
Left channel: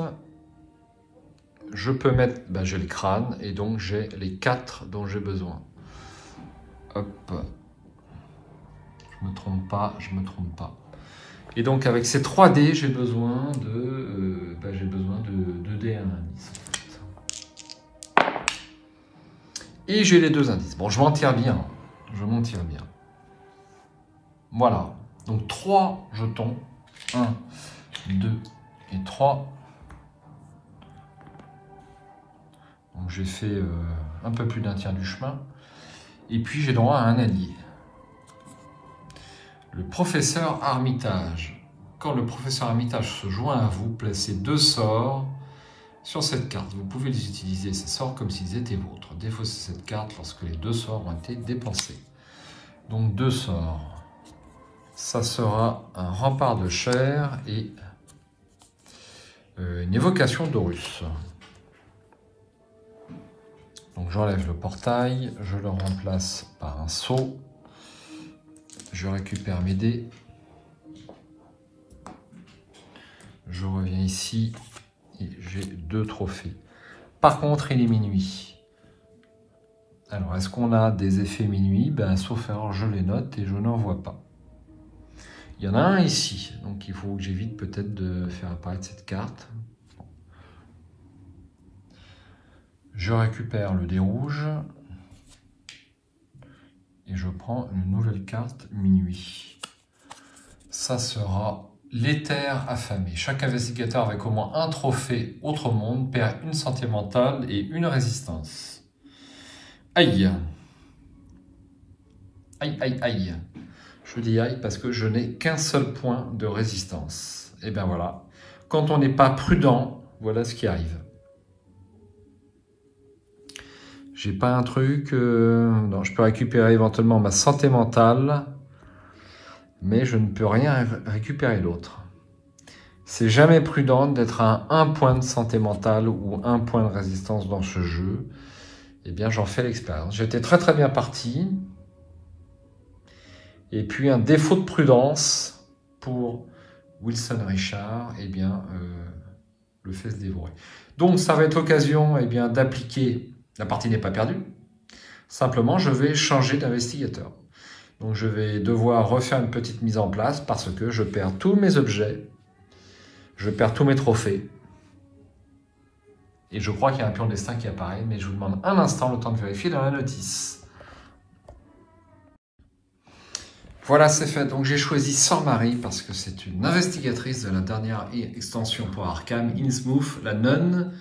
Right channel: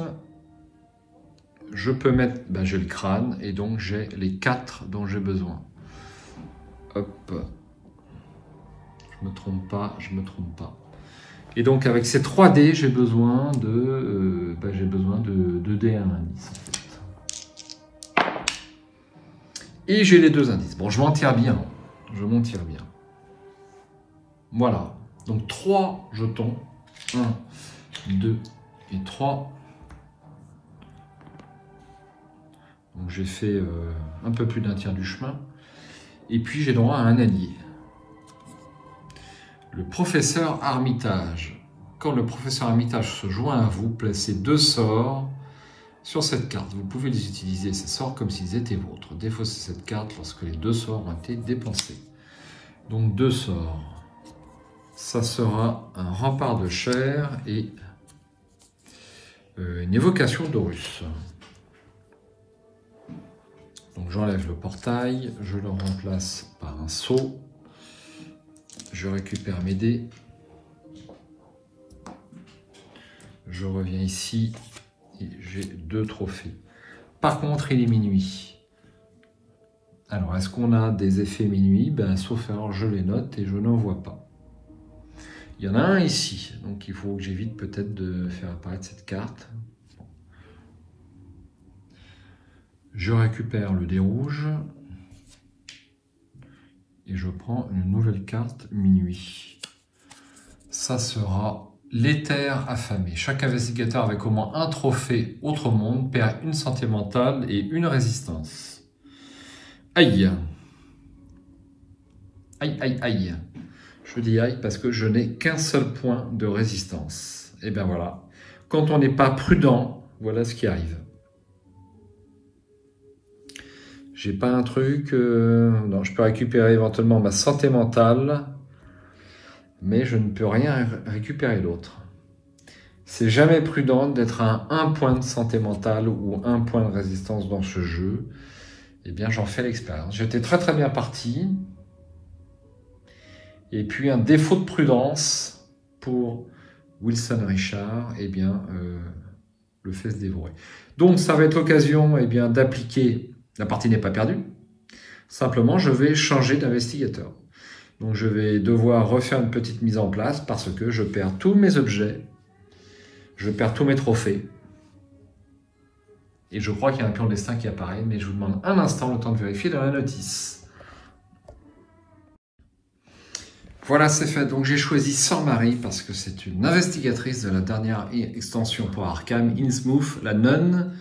Je peux mettre... Ben, j'ai le crâne et donc j'ai les 4 dont j'ai besoin. Hop. Je me trompe pas. Et donc avec ces 3 dés, j'ai besoin de... j'ai besoin de dés à un indice. En fait. Et j'ai les 2 indices. Bon, je m'en tire bien. Voilà. Donc 3 jetons. 1, 2 et 3. Donc j'ai fait un peu plus d'un tiers du chemin. Et puis j'ai droit à un allié. Le professeur Armitage. Quand le professeur Armitage se joint à vous, placez 2 sorts sur cette carte. Vous pouvez les utiliser, ces sorts, comme s'ils étaient vôtres. Défaussez cette carte lorsque les 2 sorts ont été dépensés. Donc 2 sorts. Ça sera un rempart de chair et une évocation d'Horus. Donc j'enlève le portail, je le remplace par un sceau. Je récupère mes dés. Je reviens ici et j'ai 2 trophées. Par contre, il est minuit. Alors, est-ce qu'on a des effets minuit? Ben, sauf erreur, je les note et je n'en vois pas. Il y en a un ici, donc il faut que j'évite peut-être de faire apparaître cette carte. Je récupère le dé rouge et je prends une nouvelle carte minuit. Ça sera l'éther affamé. Chaque investigateur avec au moins un trophée autre monde perd une santé mentale et une résistance. Aïe! Aïe, aïe, aïe! Je dis aïe parce que je n'ai qu'un seul point de résistance. Et bien voilà. Quand on n'est pas prudent, voilà ce qui arrive. J'ai pas un truc... non, je peux récupérer éventuellement ma santé mentale, mais je ne peux rien récupérer d'autre. C'est jamais prudent d'être à un point de santé mentale ou un point de résistance dans ce jeu. Eh bien, j'en fais l'expérience. J'étais très très bien parti. Et puis, un défaut de prudence pour Wilson Richard, eh bien, le fait se dévorer. Donc, ça va être l'occasion eh bien, d'appliquer... La partie n'est pas perdue. Simplement, je vais changer d'investigateur. Donc, je vais devoir refaire une petite mise en place parce que je perds tous mes objets. Je perds tous mes trophées. Et je crois qu'il y a un pion de destin qui apparaît, mais je vous demande un instant le temps de vérifier dans la notice. Voilà, c'est fait. Donc, j'ai choisi Sœur Marie parce que c'est une investigatrice de la dernière extension pour Arkham, Innsmouth, la nonne.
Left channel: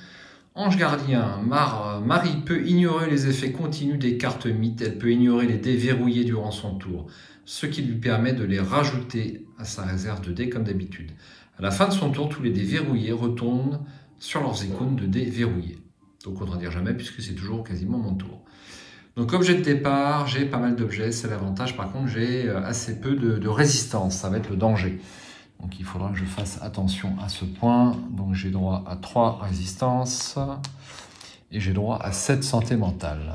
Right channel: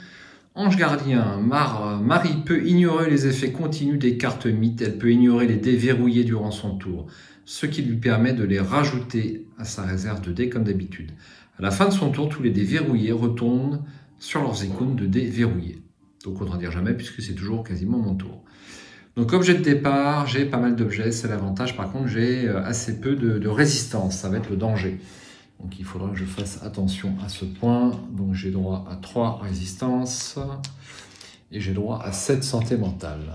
Ange gardien, Marie peut ignorer les effets continus des cartes mythes, elle peut ignorer les dés verrouillés durant son tour, ce qui lui permet de les rajouter à sa réserve de dés comme d'habitude. À la fin de son tour, tous les dés verrouillés retournent sur leurs icônes de dés verrouillés. Donc autant dire jamais puisque c'est toujours quasiment mon tour. Donc objet de départ, j'ai pas mal d'objets, c'est l'avantage. Par contre, j'ai assez peu de résistance, ça va être le danger. Donc il faudra que je fasse attention à ce point. Donc j'ai droit à 3 résistances et j'ai droit à 7 santé mentale.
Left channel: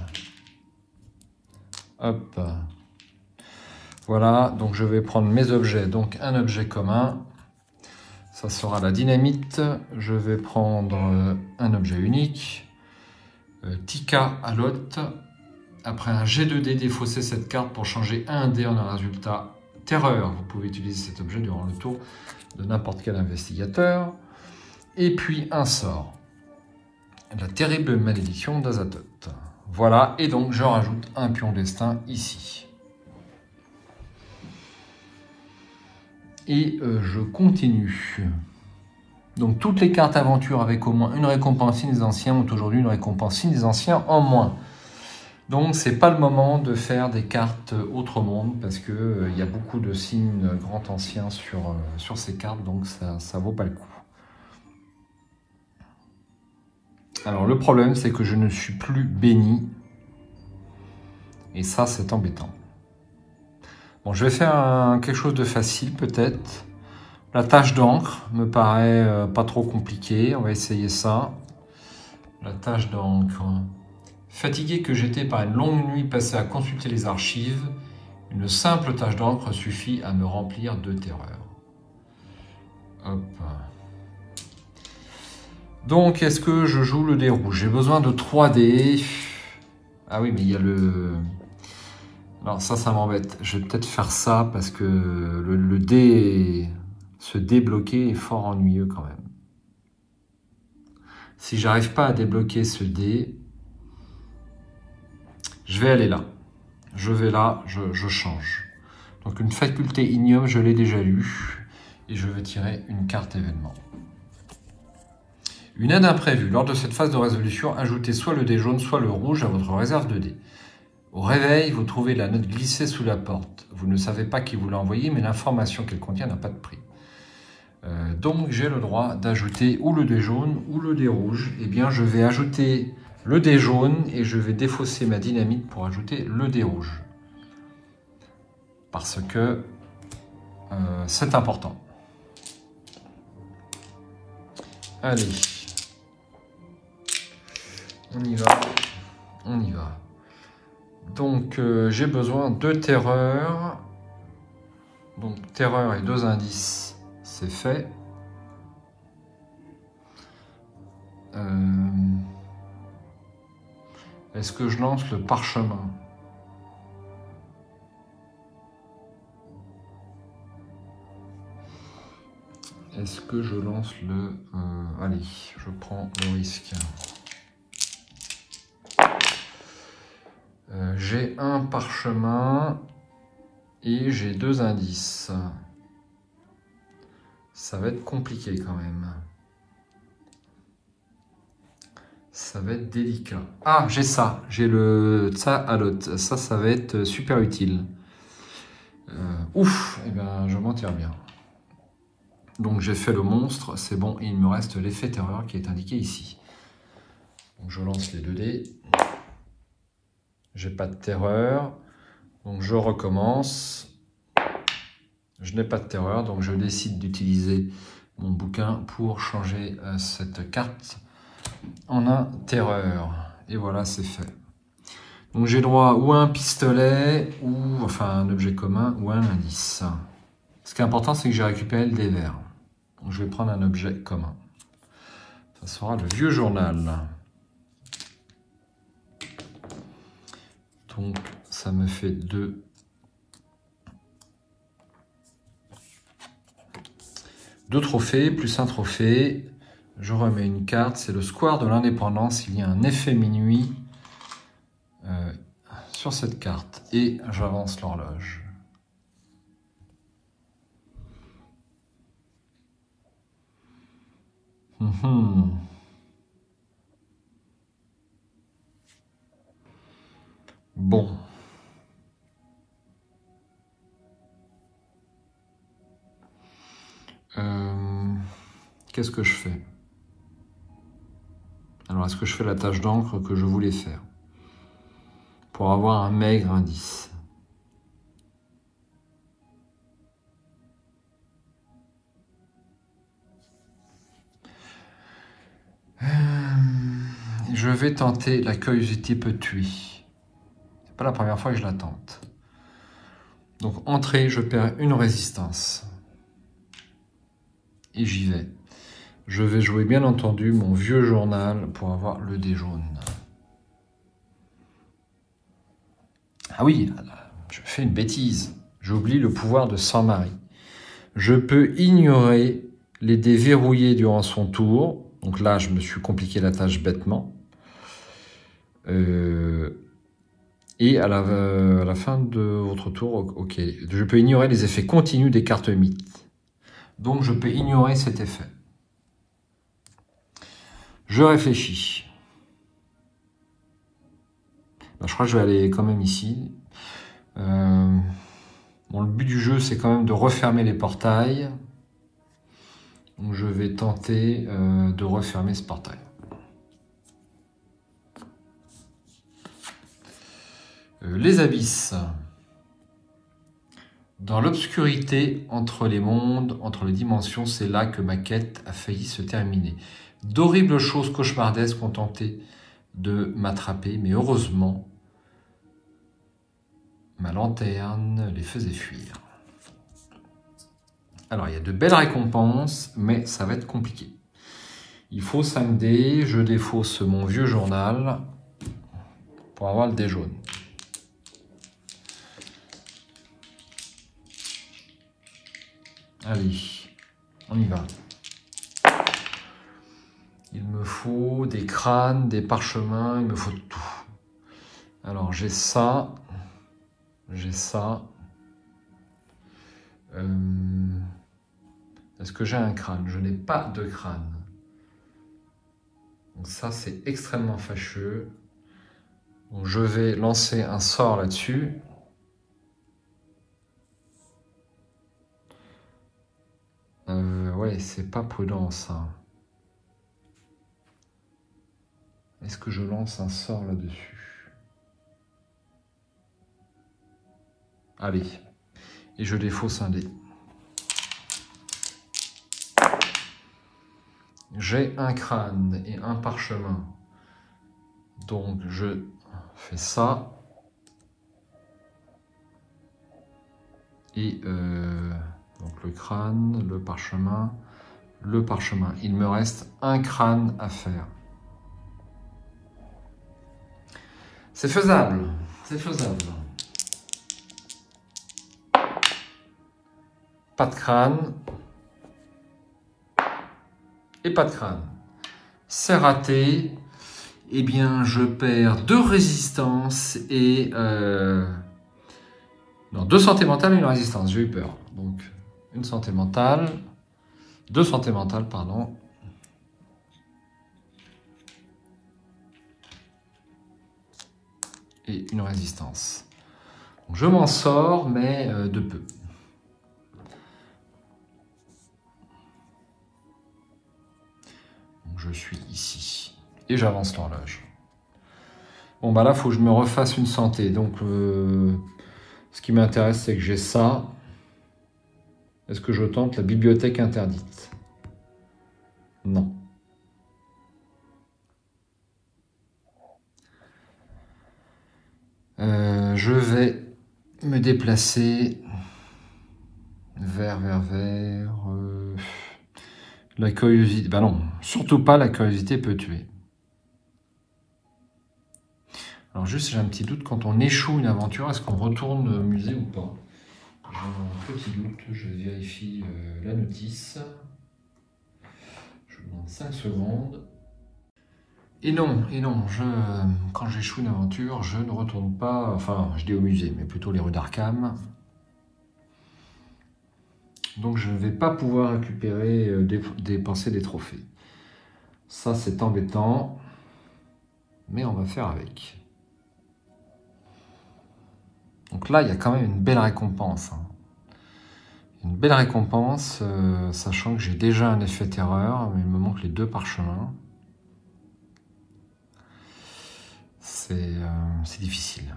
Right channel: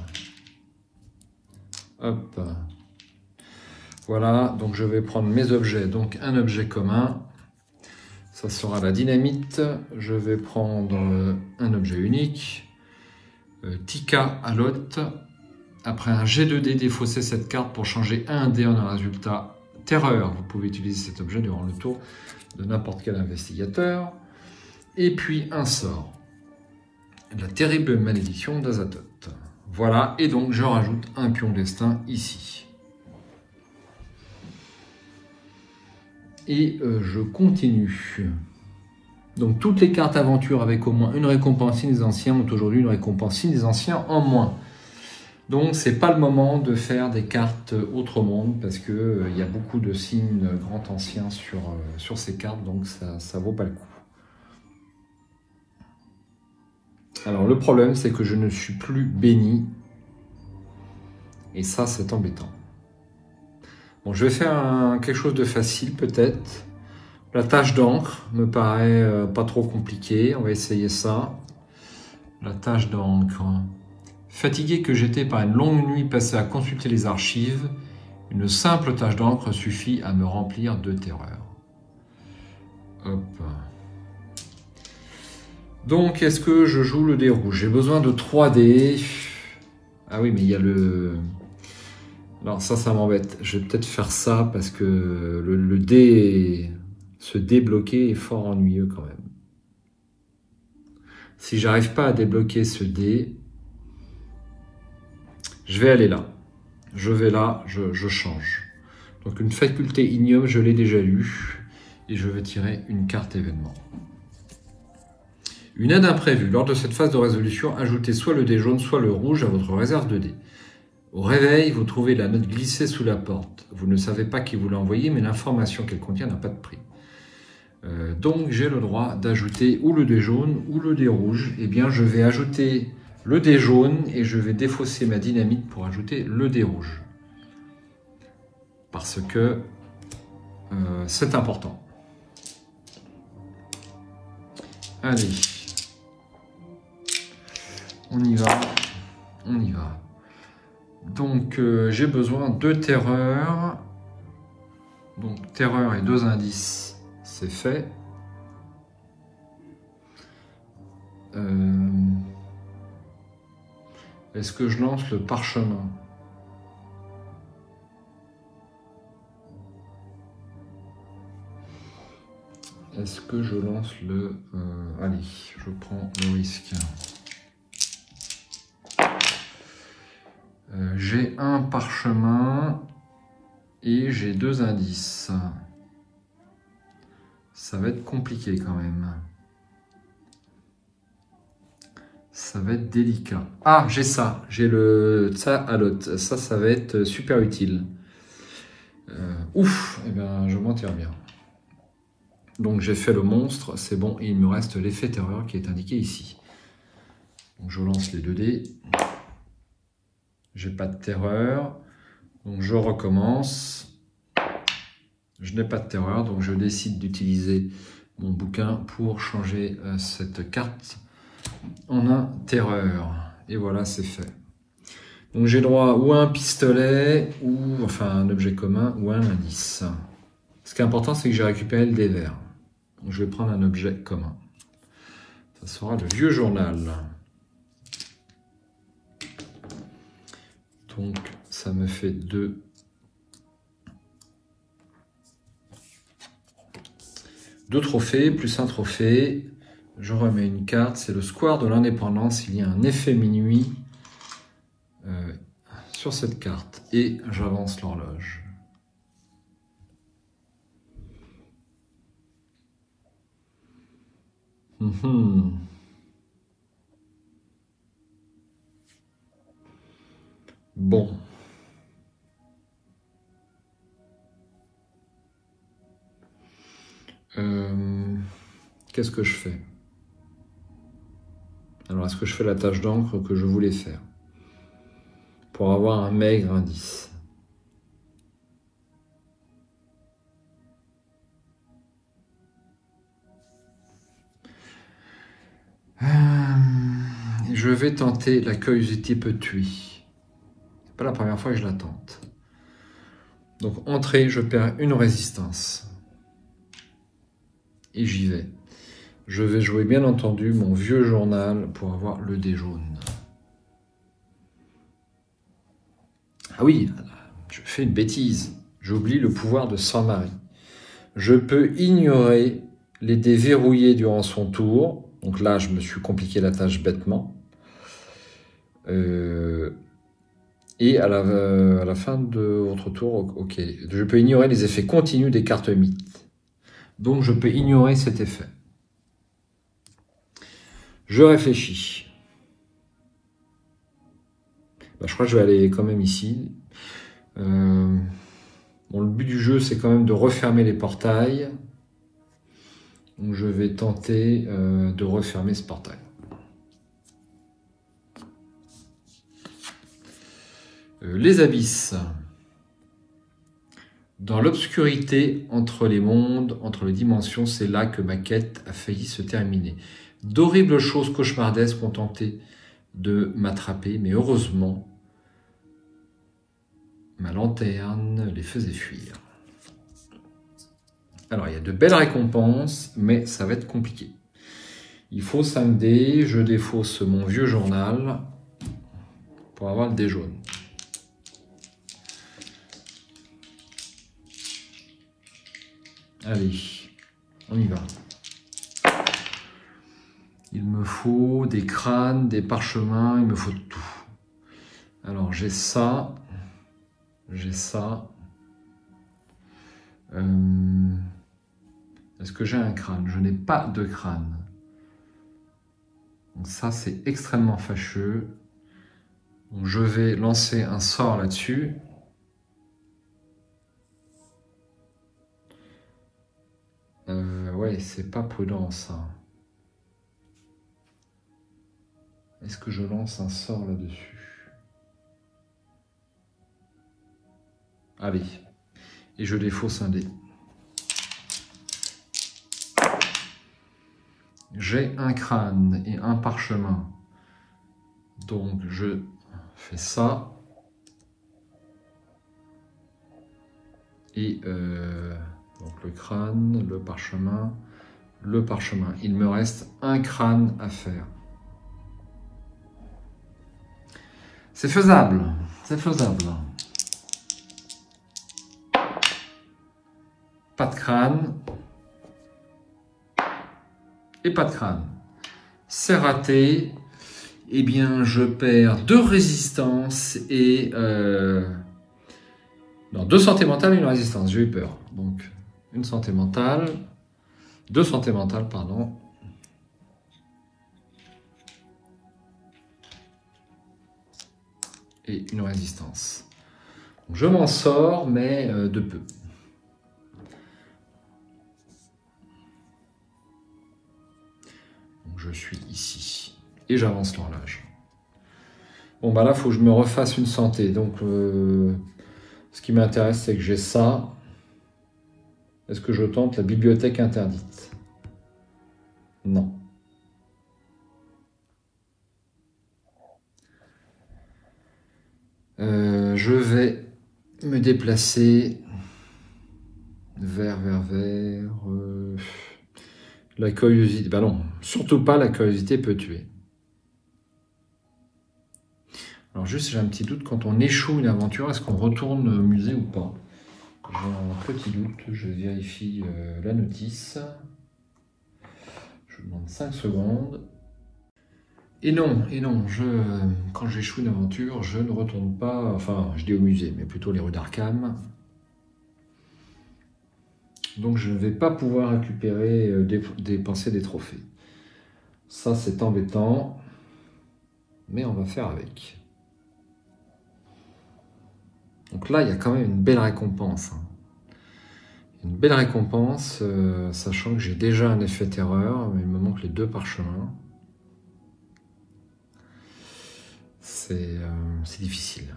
Hop. Voilà, donc je vais prendre mes objets. Donc un objet commun, ça sera la dynamite. Je vais prendre un objet unique. Tika à l'hôte. Après un G2D, défausser cette carte pour changer un dé en un résultat terreur. Vous pouvez utiliser cet objet durant le tour de n'importe quel investigateur. Et puis un sort. La terrible malédiction d'Azathoth. Voilà, et donc je rajoute un pion destin ici. Et je continue. Donc toutes les cartes aventure avec au moins une récompense signe des anciens ont aujourd'hui une récompense signe des anciens en moins. Donc c'est pas le moment de faire des cartes autre monde parce que il y a beaucoup de signes grand anciens sur ces cartes, donc ça vaut pas le coup. Alors le problème c'est que je ne suis plus béni et ça c'est embêtant. Bon, je vais faire quelque chose de facile peut-être. La tâche d'encre me paraît pas trop compliquée, on va essayer ça. La tâche d'encre. Fatigué que j'étais par une longue nuit passée à consulter les archives, une simple tâche d'encre suffit à me remplir de terreur. Hop. Donc, est-ce que je joue le dé rouge? J'ai besoin de 3 dés. Ah oui, mais il y a le... Non, ça m'embête. Je vais peut-être faire ça parce que le dé... Se débloquer est fort ennuyeux quand même. Si j'arrive pas à débloquer ce dé, je vais aller là. Je vais là, je change. Donc une faculté ignoble, je l'ai déjà lue. Et je vais tirer une carte événement. Une aide imprévue. Lors de cette phase de résolution, ajoutez soit le dé jaune, soit le rouge à votre réserve de dés. Au réveil, vous trouvez la note glissée sous la porte. Vous ne savez pas qui vous l'a envoyée, mais l'information qu'elle contient n'a pas de prix. Donc j'ai le droit d'ajouter ou le dé jaune ou le dé rouge. Eh bien je vais ajouter le dé jaune et je vais défausser ma dynamite pour ajouter le dé rouge. Parce que c'est important. Allez. On y va. On y va. Donc j'ai besoin de terreur. Donc terreur et 2 indices. C'est fait. Est-ce que je lance le parchemin? Est-ce que je lance le... allez, je prends le risque. J'ai un parchemin et j'ai 2 indices. Ça va être compliqué quand même. Ça va être délicat. Ah, j'ai ça. J'ai le Tsa'alot. Ça va être super utile. Ouf, eh bien, je m'en tire bien. Donc j'ai fait le monstre, c'est bon. Et il me reste l'effet terreur qui est indiqué ici. Donc je lance les 2 dés. J'ai pas de terreur. Donc je recommence. Je n'ai pas de terreur, donc je décide d'utiliser mon bouquin pour changer cette carte en un terreur. Et voilà, c'est fait. Donc j'ai droit ou à un pistolet, ou enfin un objet commun, ou un indice. Ce qui est important, c'est que j'ai récupéré le dé vert. Donc je vais prendre un objet commun. Ça sera le vieux journal. Donc ça me fait 2. Deux trophées, plus un trophée. Je remets une carte, c'est le square de l'indépendance. Il y a un effet minuit sur cette carte. Et j'avance l'horloge. Bon. Qu'est-ce que je fais? Alors, est-ce que je fais la tâche d'encre que je voulais faire pour avoir un maigre indice? Je vais tenter la curiosité peut tuer. C'est pas la première fois que je la tente. Donc, entrée, je perds une résistance. Et j'y vais. Je vais jouer bien entendu mon vieux journal pour avoir le dé jaune. Ah oui, je fais une bêtise. J'oublie le pouvoir de Saint-Marie. Je peux ignorer les dés verrouillés durant son tour. Donc là, je me suis compliqué la tâche bêtement. Et à la fin de votre tour, ok, je peux ignorer les effets continus des cartes mythes. Donc je peux ignorer cet effet. Je réfléchis. Ben, je crois que je vais aller quand même ici. Bon, le but du jeu, c'est quand même de refermer les portails. Donc je vais tenter de refermer ce portail. Les abysses. Dans l'obscurité entre les mondes, entre les dimensions, c'est là que ma quête a failli se terminer. D'horribles choses cauchemardesques ont tenté de m'attraper, mais heureusement, ma lanterne les faisait fuir. Alors, il y a de belles récompenses, mais ça va être compliqué. Il faut 5 dés, je défausse mon vieux journal pour avoir le dé jaune. Allez, on y va. Il me faut des crânes, des parchemins, il me faut tout. Alors j'ai ça, j'ai ça. Est-ce que j'ai un crâne? Je n'ai pas de crâne. Donc ça c'est extrêmement fâcheux. Donc je vais lancer un sort là-dessus. Ouais, c'est pas prudent ça. Est-ce que je lance un sort là-dessus? Allez. Et je défausse un dé. J'ai un crâne et un parchemin. Donc je fais ça. Et donc le crâne, le parchemin, le parchemin. Il me reste un crâne à faire. C'est faisable, c'est faisable. Pas de crâne. Et pas de crâne. C'est raté. Eh bien, je perds 2 résistances et... non, 2 santé mentale et une résistance. J'ai eu peur. Donc, une santé mentale. 2 santé mentale, pardon. Et une résistance. Donc, je m'en sors, mais de peu. Donc, je suis ici. Et j'avance l'horloge. Bon, bah là, il faut que je me refasse une santé. Donc, ce qui m'intéresse, c'est que j'ai ça. Est-ce que je tente la bibliothèque interdite? Non. Je vais me déplacer vers la curiosité. Bah non, surtout pas la curiosité peut tuer. Alors juste, j'ai un petit doute, quand on échoue une aventure, est-ce qu'on retourne au musée ou pas? J'ai un petit doute, je vérifie la notice. Je vous demande 5 secondes. Et non, quand j'échoue une aventure, je ne retourne pas, enfin, je dis au musée, mais plutôt les rues d'Arkham. Donc je ne vais pas pouvoir récupérer, dépenser des trophées. Ça, c'est embêtant, mais on va faire avec. Donc là, il y a quand même une belle récompense. Hein. Une belle récompense, sachant que j'ai déjà un effet terreur, mais il me manque les 2 parchemins. C'est difficile.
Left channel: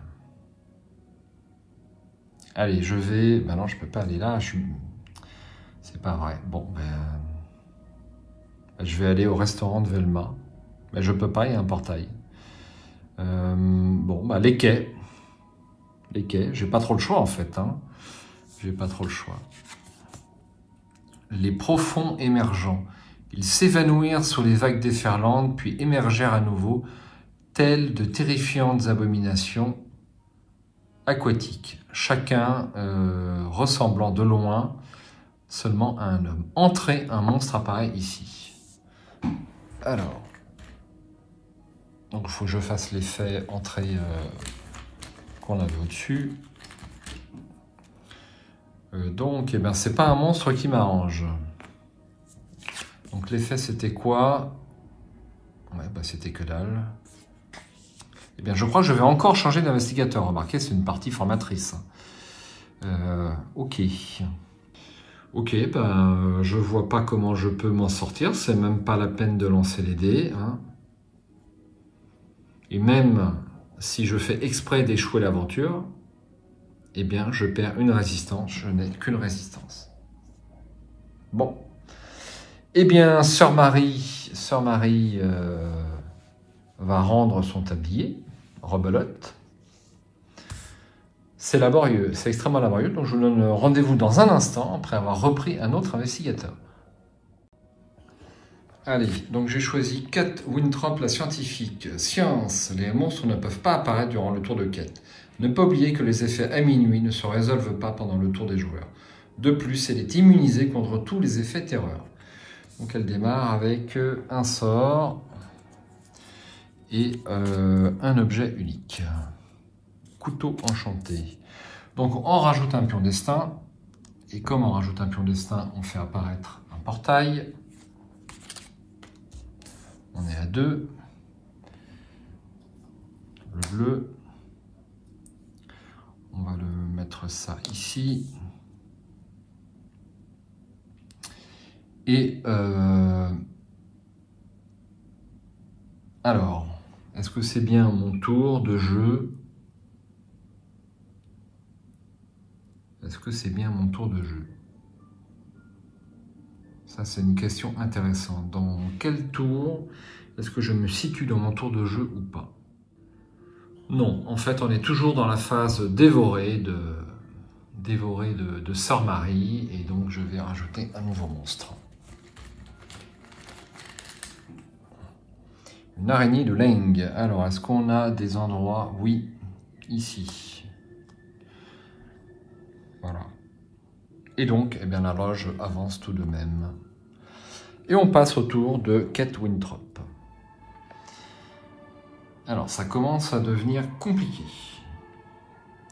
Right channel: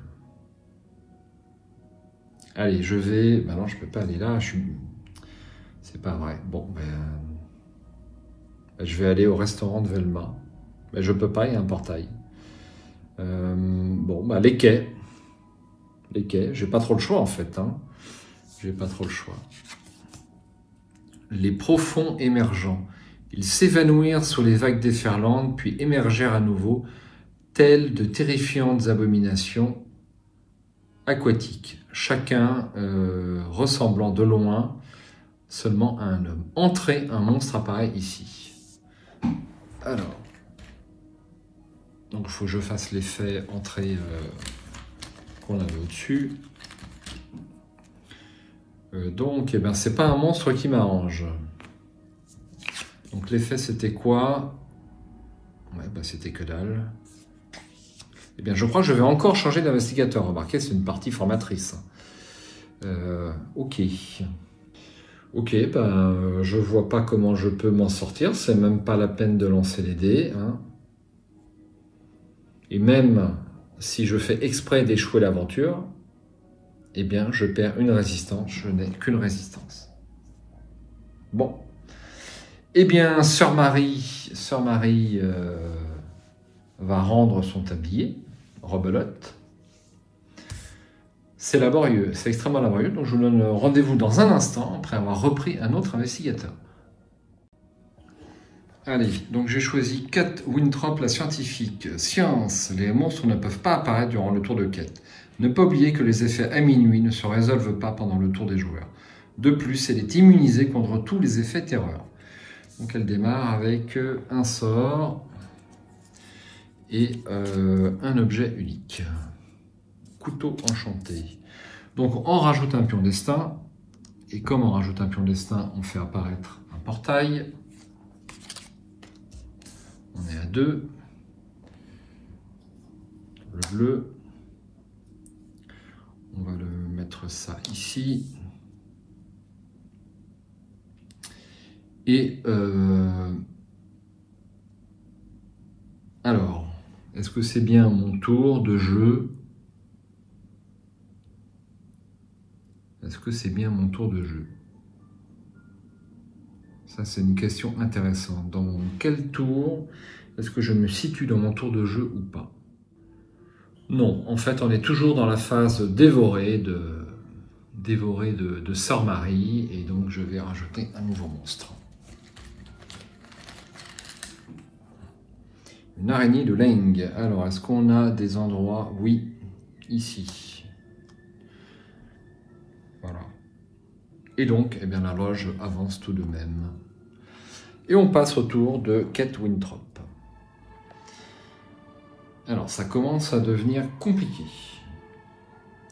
Allez, je vais... Ben non, je ne peux pas aller là. C'est pas vrai. Bon, je vais aller au restaurant de Velma. Mais je ne peux pas, il y a un portail. Bon, bah, les quais. Les quais. J'ai pas trop le choix, en fait. Hein. J'ai pas trop le choix. Les profonds émergents. Ils s'évanouirent sur les vagues déferlantes, puis émergèrent à nouveau, telles de terrifiantes abominations aquatiques, chacun ressemblant de loin seulement à un homme. Entrez, un monstre apparaît ici. Alors, donc il faut que je fasse l'effet entrée qu'on avait au-dessus. Donc, eh ben, c'est pas un monstre qui m'arrange. Donc l'effet c'était quoi? Ouais, ben, c'était que dalle. Eh bien, je crois que je vais encore changer d'investigateur. Remarquez, c'est une partie formatrice. Ok. Ok, ben, je vois pas comment je peux m'en sortir. C'est même pas la peine de lancer les dés. Hein. Et même si je fais exprès d'échouer l'aventure, eh bien, je perds une résistance. Je n'ai qu'une résistance. Bon. Eh bien, Sœur Marie va rendre son tablier, rebelote. C'est laborieux, c'est extrêmement laborieux, donc je vous donne rendez-vous dans un instant, après avoir repris un autre investigateur. Allez, donc j'ai choisi Kate Winthrop, la scientifique. Science, les monstres ne peuvent pas apparaître durant le tour de Kate. Ne pas oublier que les effets à minuit ne se résolvent pas pendant le tour des joueurs. De plus, elle est immunisée contre tous les effets terreur. Donc elle démarre avec un sort et un objet unique. Couteau enchanté. Donc on rajoute un pion destin. Et comme on rajoute un pion destin, on fait apparaître un portail. On est à 2. Le bleu. On va le mettre ça ici. Et alors, est-ce que c'est bien mon tour de jeu? Est-ce que c'est bien mon tour de jeu? Ça, c'est une question intéressante. Dans quel tour est-ce que je me situe dans mon tour de jeu ou pas? Non, en fait, on est toujours dans la phase dévorée de Sœur Marie, et donc je vais rajouter un nouveau monstre. Une araignée de Leng. Alors, est-ce qu'on a des endroits? Oui, ici. Voilà. Et donc, eh bien, la loge avance tout de même. Et on passe au tour de Kate Winthrop. Alors, ça commence à devenir compliqué.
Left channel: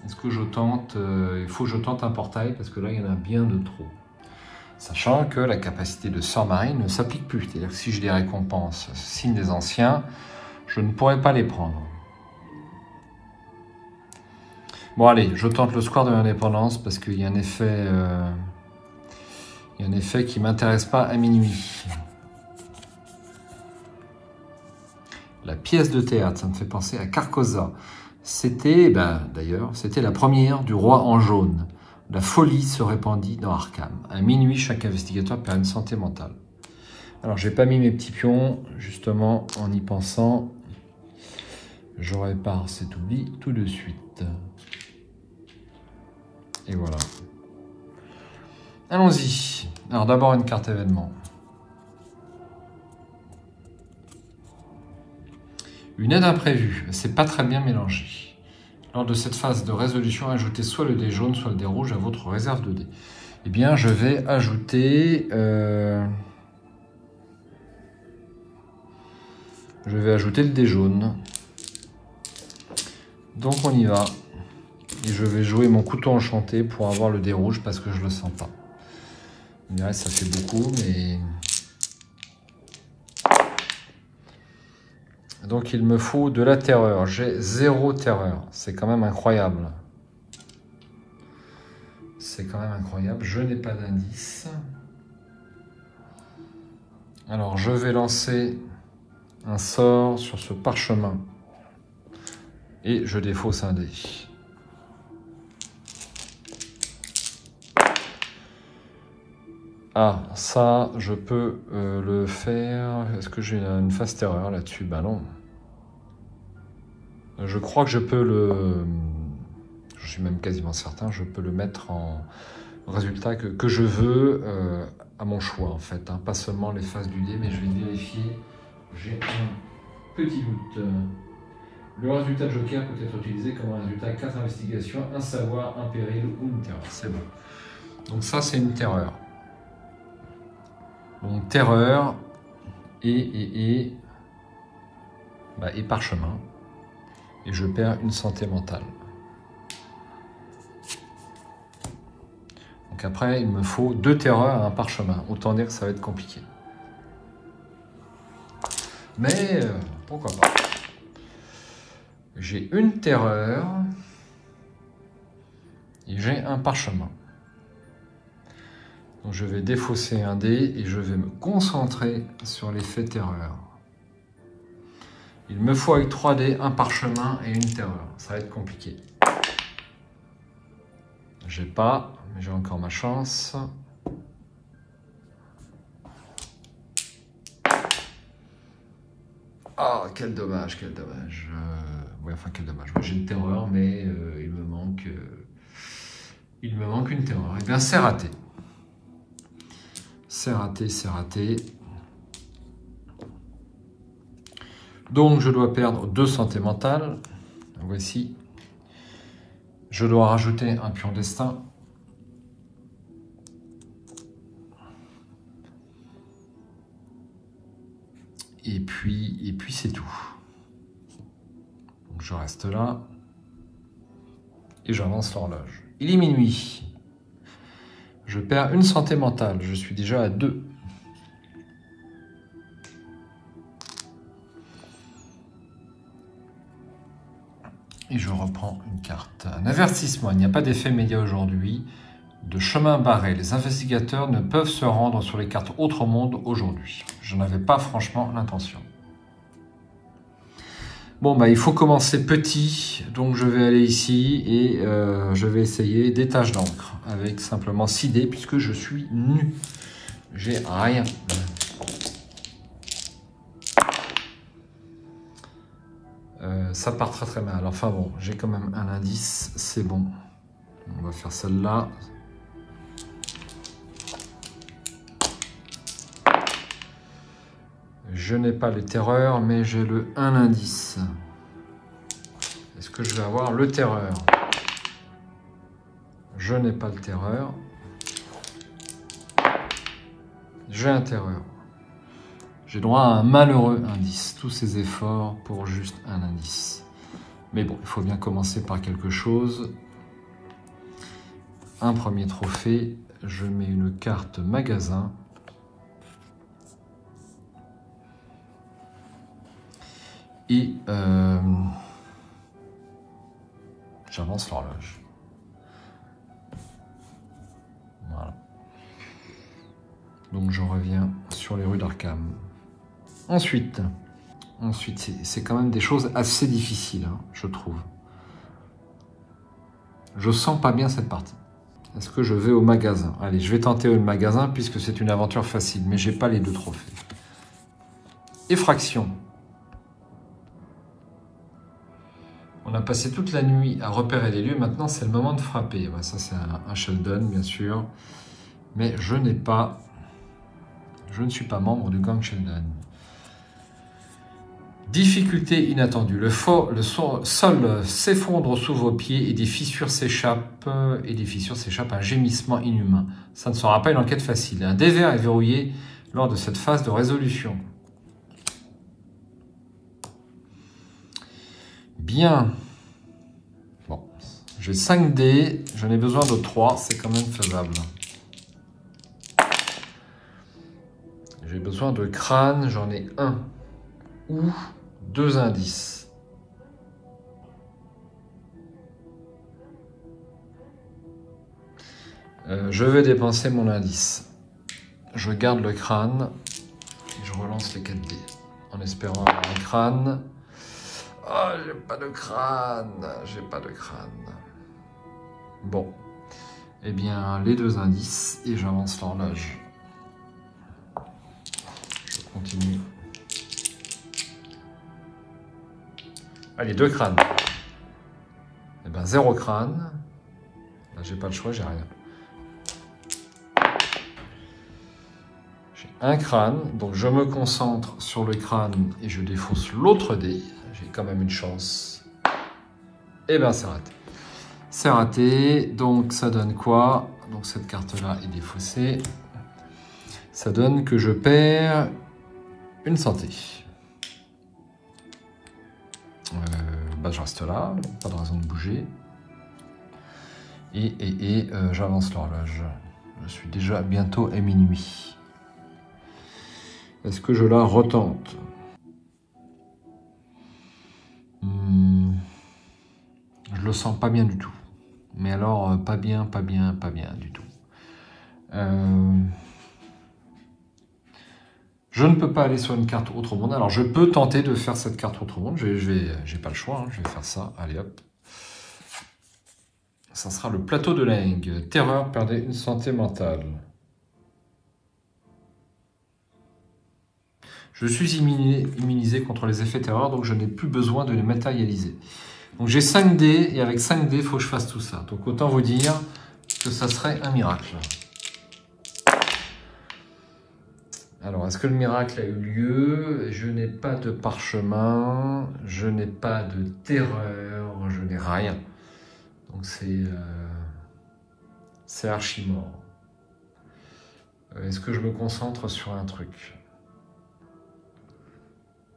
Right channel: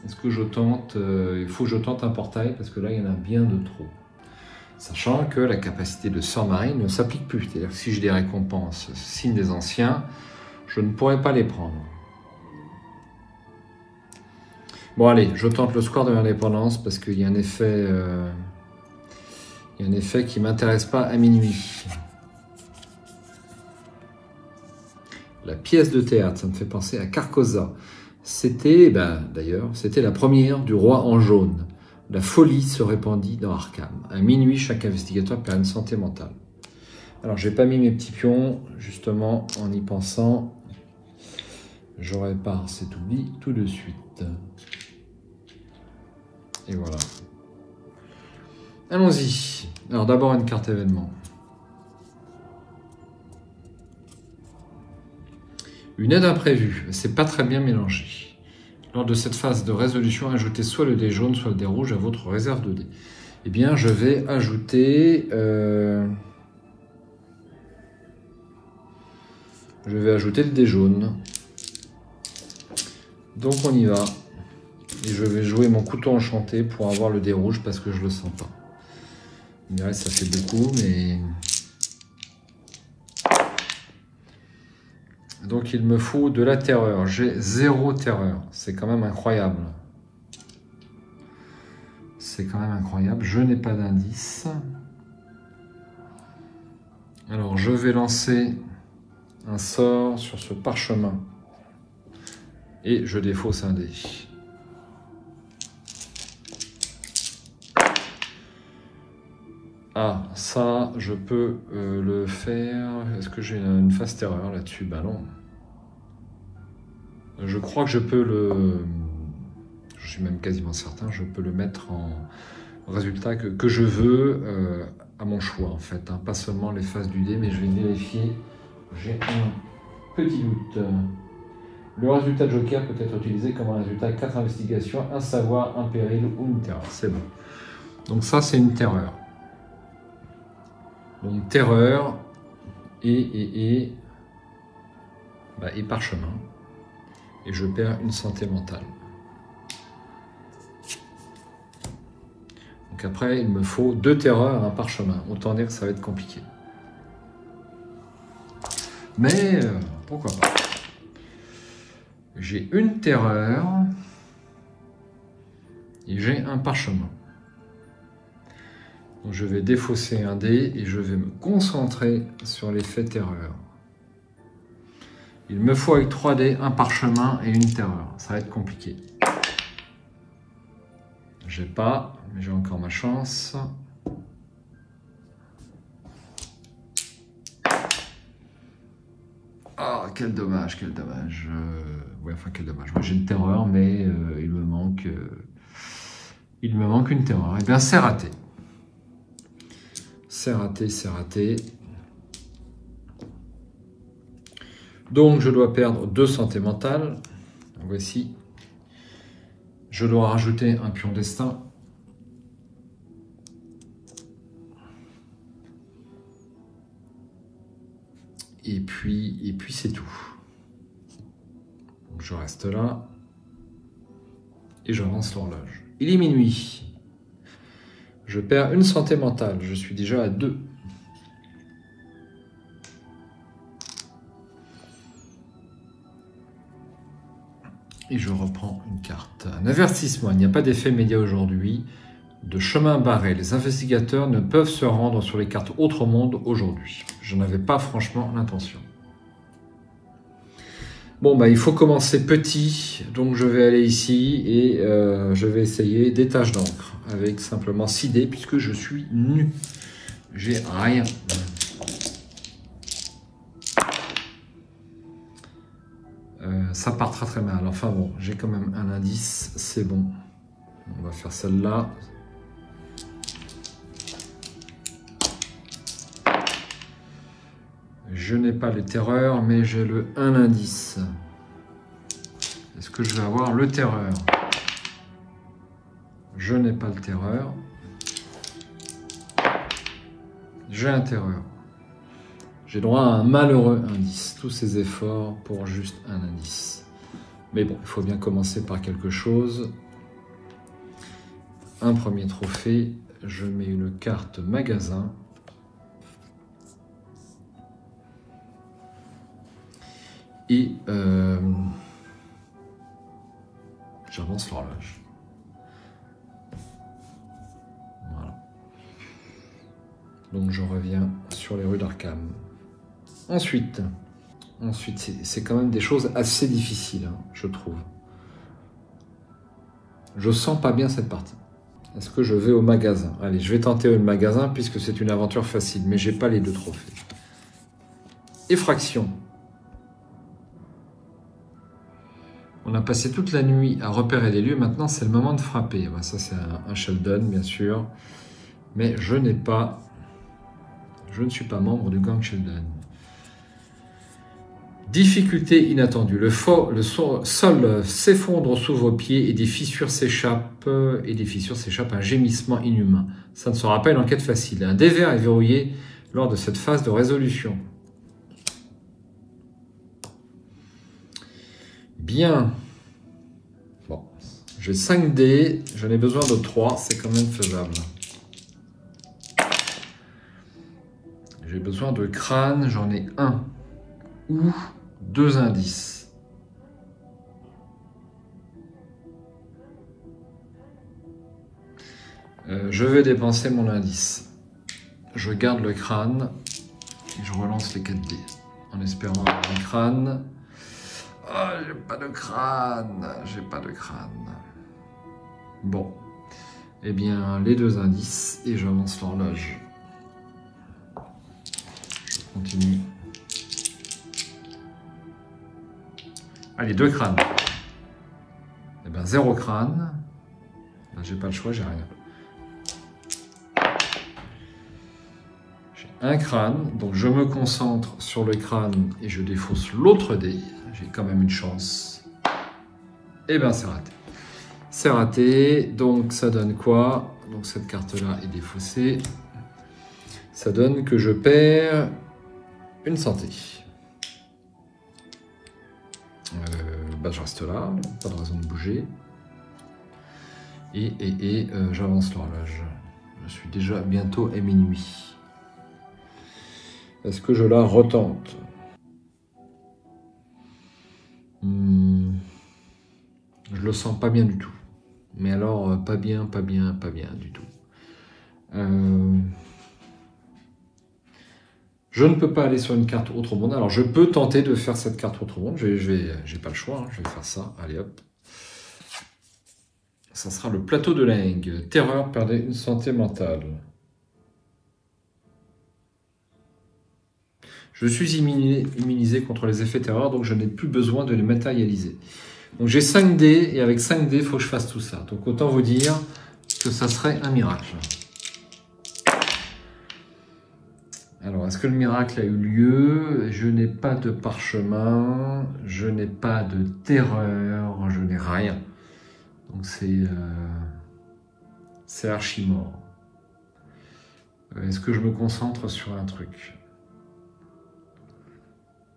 Est-ce que je tente? Il faut que je tente un portail, parce que là, il y en a bien de trop. Sachant que la capacité de Sœur Marie ne s'applique plus. C'est-à-dire que si je les récompense signe des anciens, je ne pourrais pas les prendre. Bon allez, je tente le square de l'indépendance parce qu'il y a un effet, qui ne m'intéresse pas à minuit. La pièce de théâtre, ça me fait penser à Carcosa. C'était, d'ailleurs, c'était la première du roi en jaune. La folie se répandit dans Arkham. À minuit, chaque investigateur perd une santé mentale. Alors, j'ai pas mis mes petits pions, justement, en y pensant. Je répare cet oubli tout de suite. Et voilà. Allons-y. Alors, d'abord, une carte événement. Une aide imprévue. C'est pas très bien mélangé. Lors de cette phase de résolution, ajoutez soit le dé jaune, soit le dé rouge à votre réserve de dés. Eh bien, je vais ajouter... le dé jaune. Donc, on y va. Je vais jouer mon couteau enchanté pour avoir le dé rouge parce que je le sens pas. Ouais, ça fait beaucoup, mais... Donc il me faut de la terreur. J'ai 0 terreur. C'est quand même incroyable. C'est quand même incroyable. Je n'ai pas d'indice. Alors je vais lancer un sort sur ce parchemin. Et je défausse un dé. Ah, ça, je peux le faire. Est-ce que j'ai une phase terreur là-dessus? Ben non. Je crois que je peux le... Je suis même quasiment certain, je peux le mettre en résultat que je veux à mon choix, en fait. Hein. Pas seulement les phases du dé, mais je vais vérifier. J'ai un petit doute. Le résultat de Joker peut être utilisé comme un résultat 4 investigations, un savoir, un péril ou une terreur. C'est bon. Donc ça, c'est une terreur. Donc terreur, et parchemin. Et je perds une santé mentale. Donc après, il me faut 2 terreurs et un parchemin. Autant dire que ça va être compliqué. Mais pourquoi pas. J'ai une terreur et j'ai un parchemin. Donc je vais défausser un dé et je vais me concentrer sur l'effet terreur. Il me faut avec 3 dés un parchemin et une terreur. Ça va être compliqué. J'ai pas, mais j'ai encore ma chance. Ah, quel dommage, quel dommage. Oui, enfin, quel dommage. J'ai une terreur, mais il me manque une terreur. Eh bien, c'est raté. C'est raté, c'est raté. Donc, je dois perdre 2 santé mentale. Voici. Je dois rajouter un pion destin. Et puis c'est tout. Donc, je reste là. Et j'avance l'horloge. Il est minuit. Je perds une santé mentale. Je suis déjà à 2. Et je reprends une carte. Un avertissement. Il n'y a pas d'effet média aujourd'hui. De chemin barré. Les investigateurs ne peuvent se rendre sur les cartes Autre Monde aujourd'hui. Je n'avais pas franchement l'intention. Bon, bah, il faut commencer petit. Donc, je vais aller ici et je vais essayer des taches d'encre avec simplement 6 dés puisque je suis nu. J'ai rien. Ça part très très mal. Enfin bon, j'ai quand même un indice. C'est bon. On va faire celle-là. Je n'ai pas les terreurs, mais j'ai le 1 indice. Est-ce que je vais avoir le terreur? Je n'ai pas le terreur. J'ai un terreur. J'ai droit à un malheureux indice. Tous ces efforts pour juste un indice. Mais bon, il faut bien commencer par quelque chose. Un premier trophée. Je mets une carte magasin. Et j'avance l'horloge. Voilà. Donc je reviens sur les rues d'Arkham. Ensuite c'est quand même des choses assez difficiles, hein, je trouve. Je sens pas bien cette partie. Est-ce que je vais au magasin? Allez, je vais tenter le magasin puisque c'est une aventure facile, mais j'ai pas les 2 trophées. Effraction. On a passé toute la nuit à repérer les lieux. Maintenant, c'est le moment de frapper. Ben, ça, c'est un Sheldon, bien sûr. Mais je ne suis pas membre du gang Sheldon. Difficulté inattendue. Le sol s'effondre sous vos pieds et des fissures s'échappent. Un gémissement inhumain. Ça ne sera pas une enquête facile. Un dé vert est verrouillé lors de cette phase de résolution. Bien. Bon. J'ai 5 dés. J'en ai besoin de 3. C'est quand même faisable. J'ai besoin de crâne. J'en ai 1. Ou 2 indices. Je vais dépenser mon indice. Je garde le crâne. Et je relance les 4 dés. En espérant avoir un crâne. Oh, j'ai pas de crâne, j'ai pas de crâne. Bon, eh bien, les 2 indices et j'avance l'horloge. Je continue. Allez, 2 crânes. Eh bien, 0 crâne. Là, j'ai pas le choix, j'ai rien. J'ai un crâne, donc je me concentre sur le crâne et je défausse l'autre dé. J'ai quand même une chance. Et bien, c'est raté. C'est raté. Donc, ça donne quoi? Donc, cette carte-là est défaussée. Ça donne que je perds une santé. Je reste là, pas de raison de bouger. Et j'avance l'horloge. Je suis déjà bientôt à minuit. Est-ce que je la retente? Je le sens pas bien du tout. Mais alors, pas bien du tout. Je ne peux pas aller sur une carte autre monde. Alors, je peux tenter de faire cette carte autre monde. J'ai pas le choix. Hein. Je vais faire ça. Allez, hop. Ça sera le plateau de Leng. Terreur, perdez une santé mentale. Je suis immunisé contre les effets terreur, donc je n'ai plus besoin de les matérialiser. Donc j'ai 5 dés, et avec 5 dés, il faut que je fasse tout ça. Donc autant vous dire que ça serait un miracle. Alors, est-ce que le miracle a eu lieu? Je n'ai pas de parchemin, je n'ai pas de terreur, je n'ai rien. Donc c'est archi mort. Est-ce que je me concentre sur un truc?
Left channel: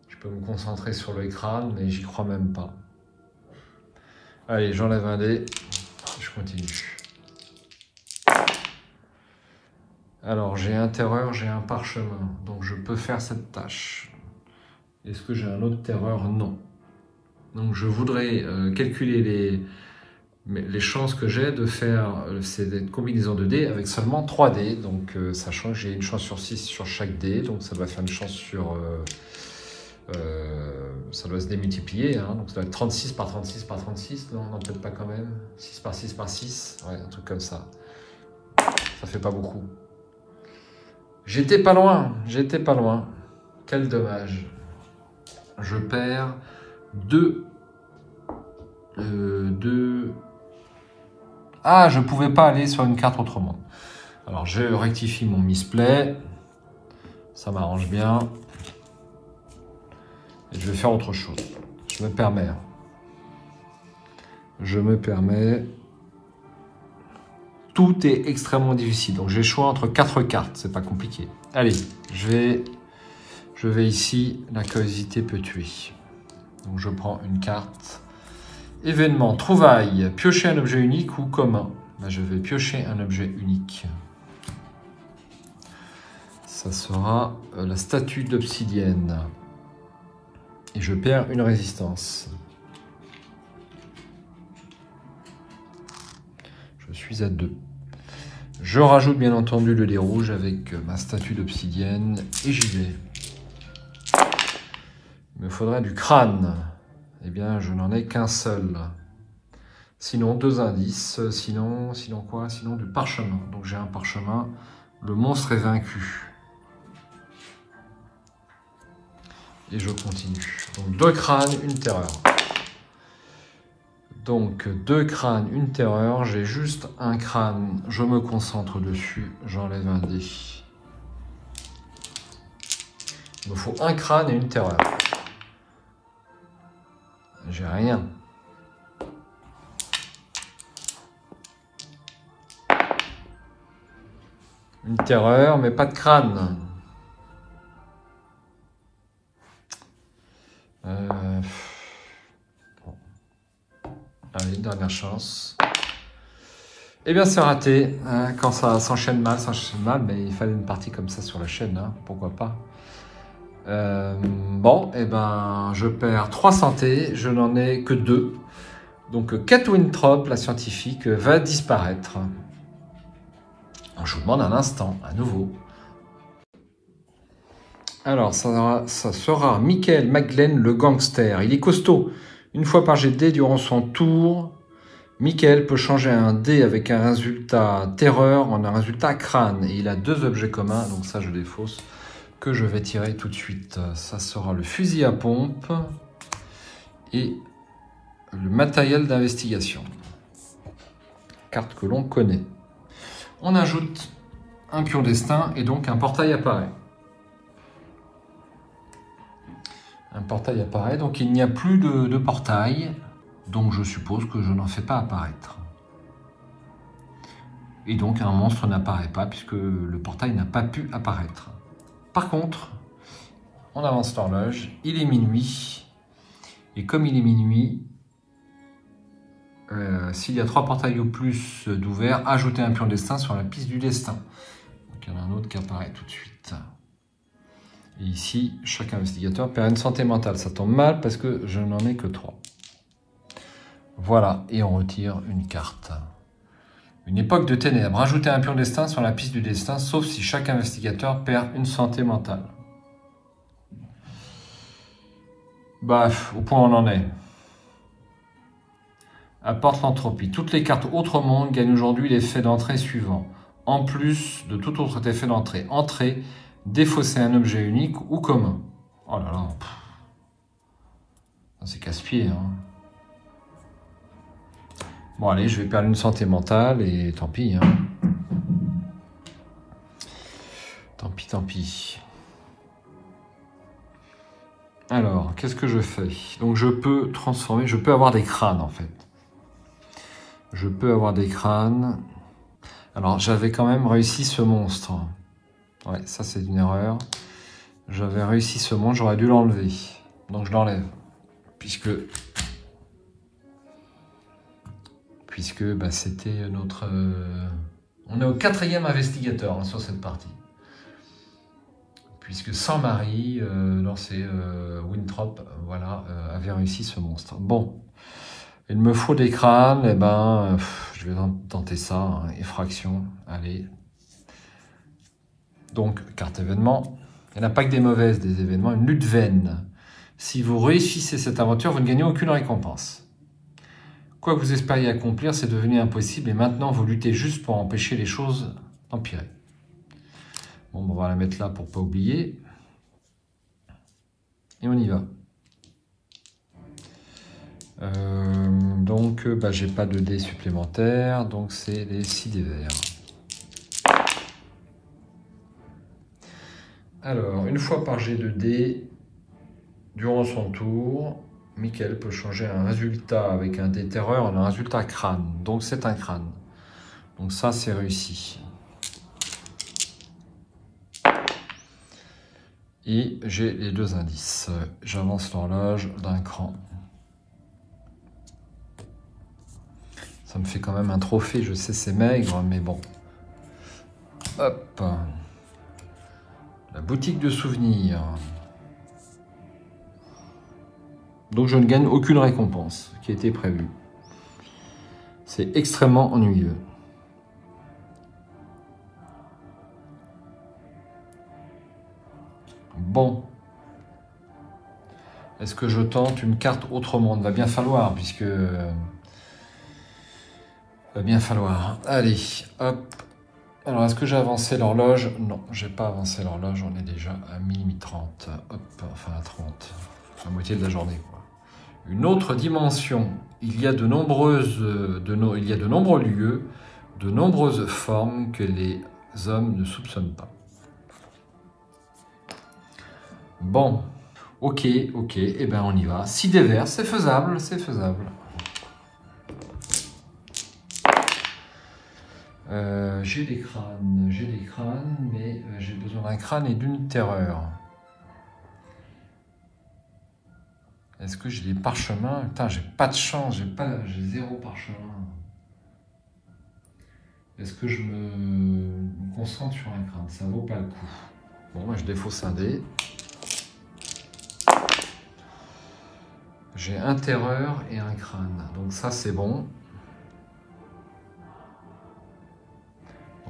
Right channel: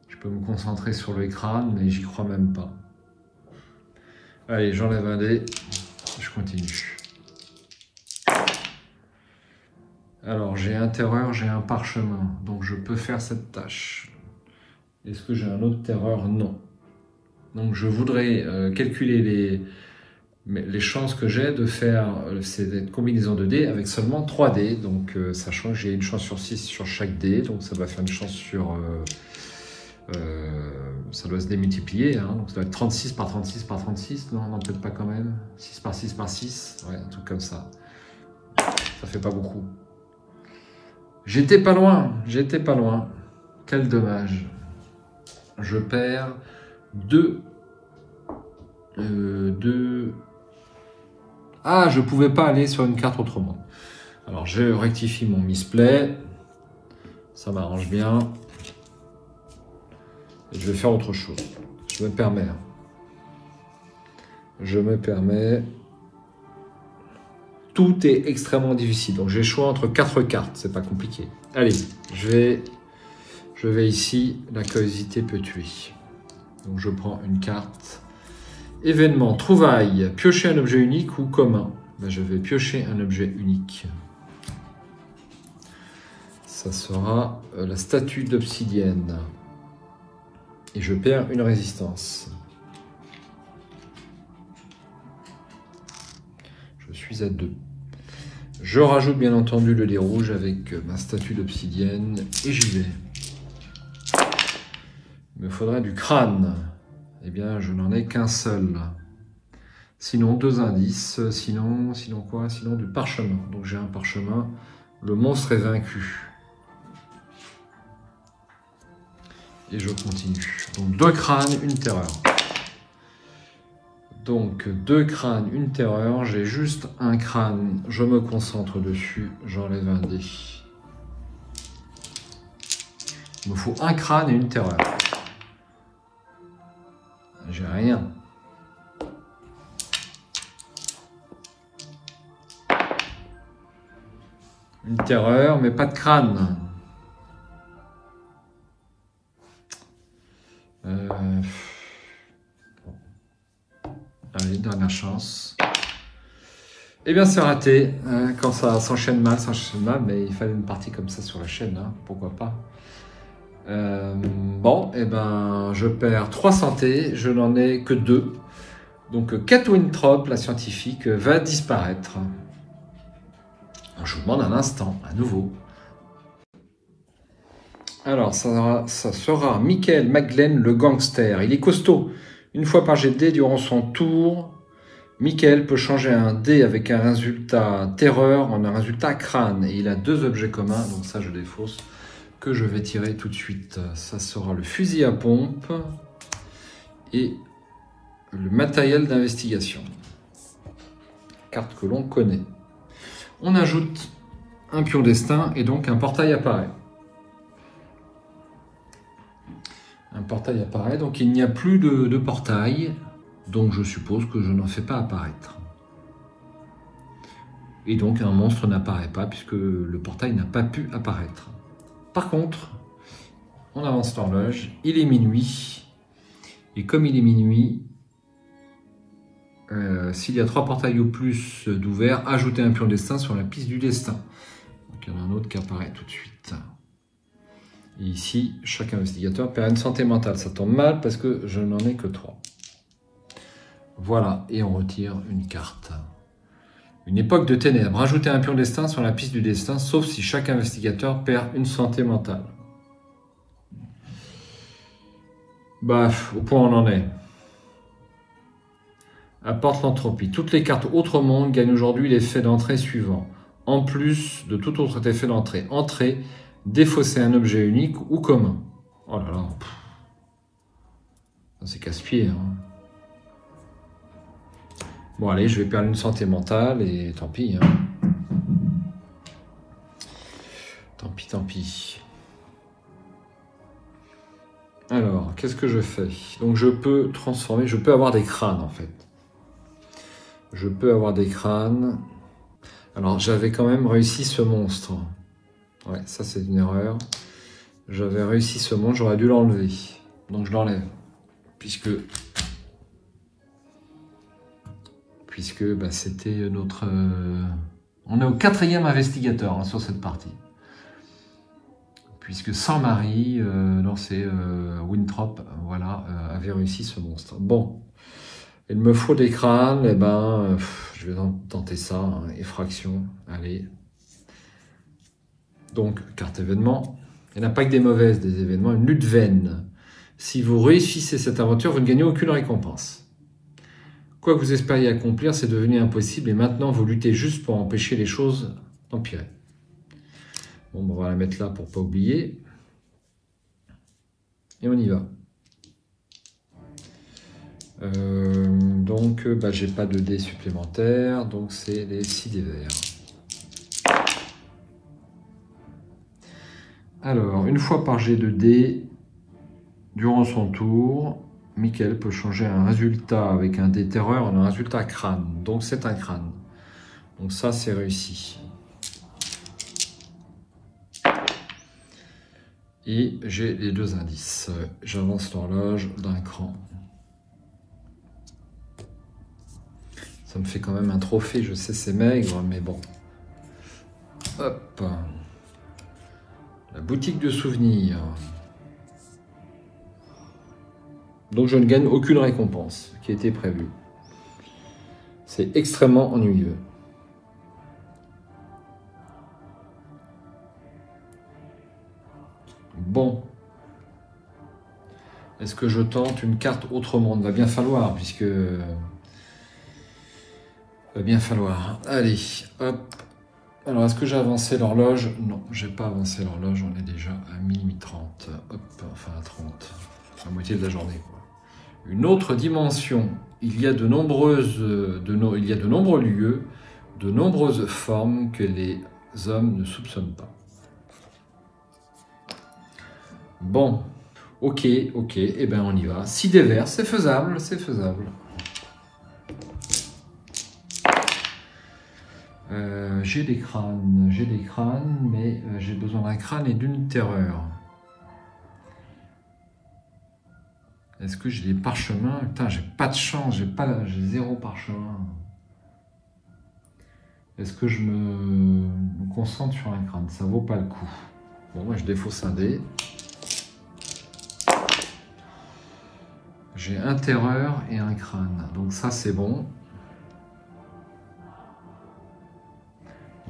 Je peux me concentrer sur le crâne, mais j'y crois même pas. Allez, j'enlève un dé, je continue. Alors, j'ai un terreur, j'ai un parchemin, donc je peux faire cette tâche. Est-ce que j'ai un autre terreur? Non. Donc, je voudrais calculer les chances que j'ai de faire cette combinaison de dés avec seulement 3 dés. Donc, sachant que j'ai une chance sur 6 sur chaque dé, donc ça va faire une chance sur... ça doit se démultiplier, hein, donc ça doit être 36 par 36 par 36, non, peut-être pas quand même, 6 par 6 par 6, ouais, un truc comme ça. Ça fait pas beaucoup. J'étais pas loin, quel dommage. Je perds 2. Ah, je pouvais pas aller sur une carte autrement. Alors, je rectifie mon misplay, ça m'arrange bien. Et je vais faire autre chose. Je me permets. Tout est extrêmement difficile. Donc j'ai le choix entre 4 cartes. C'est pas compliqué. Allez, je vais ici. La curiosité peut tuer. Donc je prends une carte. Événement, trouvaille. Piocher un objet unique ou commun. Ben, je vais piocher un objet unique. Ça sera la statue d'obsidienne. Et je perds une résistance. Je suis à 2. Je rajoute bien entendu le dé rouge avec ma statue d'obsidienne et j'y vais. Il me faudrait du crâne. Eh bien, je n'en ai qu'un seul. Sinon, 2 indices. Sinon quoi? Sinon du parchemin. Donc j'ai un parchemin. Le monstre est vaincu. Et je continue. Donc 2 crânes, une terreur. Donc 2 crânes, une terreur. J'ai juste un crâne. Je me concentre dessus. J'enlève un dé. Il me faut un crâne et une terreur. J'ai rien. Une terreur, mais pas de crâne. Allez, dernière chance. Eh bien, c'est raté. Quand ça s'enchaîne mal, mais il fallait une partie comme ça sur la chaîne, hein, pourquoi pas. Bon, eh ben, je perds 3 santé, je n'en ai que 2. Donc, Kate Winthrop, la scientifique, va disparaître. Alors, je vous demande un instant, à nouveau. Alors, ça sera Michael McGlenn, le gangster. Il est costaud. Une fois par jet de dés durant son tour, Michael peut changer un dé avec un résultat terreur en un résultat crâne. Et il a 2 objets communs, donc ça je défausse, que je vais tirer tout de suite. Ça sera le fusil à pompe et le matériel d'investigation. Carte que l'on connaît. On ajoute un pion destin et donc un portail apparaît. Un portail apparaît, donc il n'y a plus de portail, donc je suppose que je n'en fais pas apparaître. Et donc un monstre n'apparaît pas puisque le portail n'a pas pu apparaître. Par contre, on avance l'horloge. Il est minuit. Et comme il est minuit, s'il y a 3 portails ou plus d'ouverts, ajoutez un pion destin sur la piste du destin. Donc il y en a un autre qui apparaît tout de suite. Et ici, chaque investigateur perd une santé mentale. Ça tombe mal parce que je n'en ai que 3. Voilà, et on retire une carte. Une époque de ténèbres. Ajoutez un pion destin sur la piste du destin, sauf si chaque investigateur perd une santé mentale. Bah, au point où on en est. Apporte l'entropie. Toutes les cartes Autre Monde gagnent aujourd'hui l'effet d'entrée suivant. En plus de tout autre effet d'entrée. Entrée, défausser un objet unique ou commun. Oh là là. C'est casse-pied, hein. Bon, allez, je vais perdre une santé mentale et tant pis. Hein. Tant pis, tant pis. Alors, qu'est-ce que je fais? Donc, je peux transformer, je peux avoir des crânes, en fait. Je peux avoir des crânes. Alors, j'avais quand même réussi ce monstre. Ouais, ça, c'est une erreur. J'avais réussi ce monstre, j'aurais dû l'enlever. Donc, je l'enlève. Puisque bah, c'était notre... On est au 4e investigateur hein, sur cette partie. Puisque sans Marie, non c'est Winthrop, voilà, avait réussi ce monstre. Bon, il me faut des crânes, et ben, je vais tenter ça, hein, effraction, allez. Donc, carte événement. Il n'y en a pas que des mauvaises, des événements, une lutte vaine. Si vous réussissez cette aventure, vous ne gagnez aucune récompense. Quoi que vous espériez accomplir, c'est devenu impossible et maintenant vous luttez juste pour empêcher les choses d'empirer. Bon, on va la mettre là pour ne pas oublier. Et on y va. Donc, bah, j'ai pas de dés supplémentaires, donc c'est les 6 dés verts. Alors, une fois par jet de dés, durant son tour, Michael peut changer un résultat avec un dé terreur en un résultat crâne. Donc c'est un crâne. Donc ça c'est réussi. Et j'ai les 2 indices. J'avance l'horloge d'un cran. Ça me fait quand même un trophée, je sais c'est maigre, mais bon. Hop. La boutique de souvenirs. Donc je ne gagne aucune récompense qui était prévue. C'est extrêmement ennuyeux. Bon. Est-ce que je tente une carte Autre Monde? Va bien falloir, puisque... Va bien falloir. Allez, hop. Alors, est-ce que j'ai avancé l'horloge? Non, j'ai pas avancé l'horloge, on est déjà à minuit 30. Hop, enfin à 30. La moitié de la journée. Une autre dimension. Il y a de nombreux lieux, de nombreuses formes que les hommes ne soupçonnent pas. Bon, ok, et ben on y va. 6 dés verts, c'est faisable, c'est faisable. J'ai des crânes, mais j'ai besoin d'un crâne et d'une terreur. Est-ce que j'ai des parchemins? Putain, j'ai pas de chance, j'ai 0 parchemin. Est-ce que je me concentre sur un crâne? Ça vaut pas le coup. Bon, moi je défausse un dé. J'ai un terreur et un crâne. Donc ça c'est bon.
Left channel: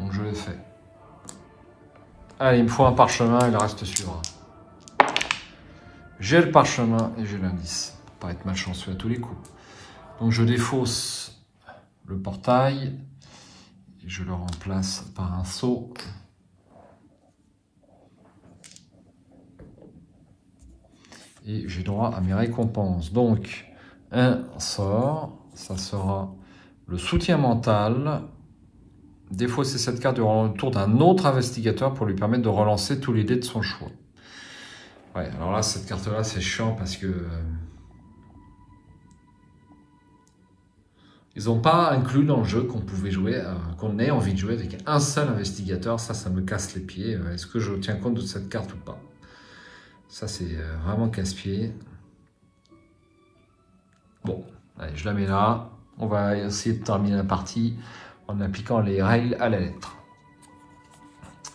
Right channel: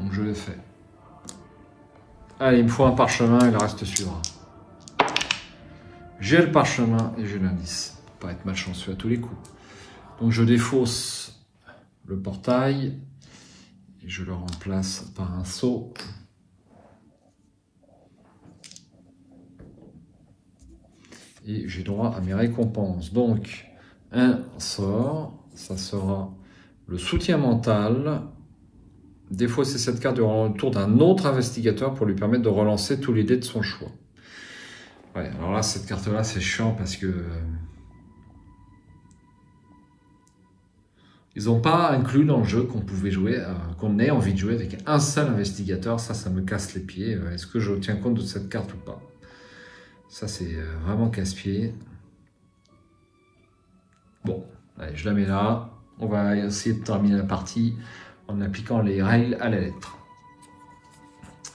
Donc je l'ai fait. Allez, il me faut un parchemin et le reste suivra. J'ai le parchemin et j'ai l'indice. Pour pas être malchanceux à tous les coups. Donc je défausse le portail et je le remplace par un sceau. Et j'ai droit à mes récompenses. Donc un sort, ça sera le soutien mental. Défausser cette carte durant le tour d'un autre investigateur pour lui permettre de relancer tous les dés de son choix. Ouais, alors là, cette carte-là, c'est chiant parce que... ils n'ont pas inclus dans le jeu qu'on pouvait jouer, qu'on ait envie de jouer avec un seul investigateur. Ça me casse les pieds. Est-ce que je tiens compte de cette carte ou pas? Ça, c'est vraiment casse-pied. Bon, allez, je la mets là. On va essayer de terminer la partie en appliquant les règles à la lettre.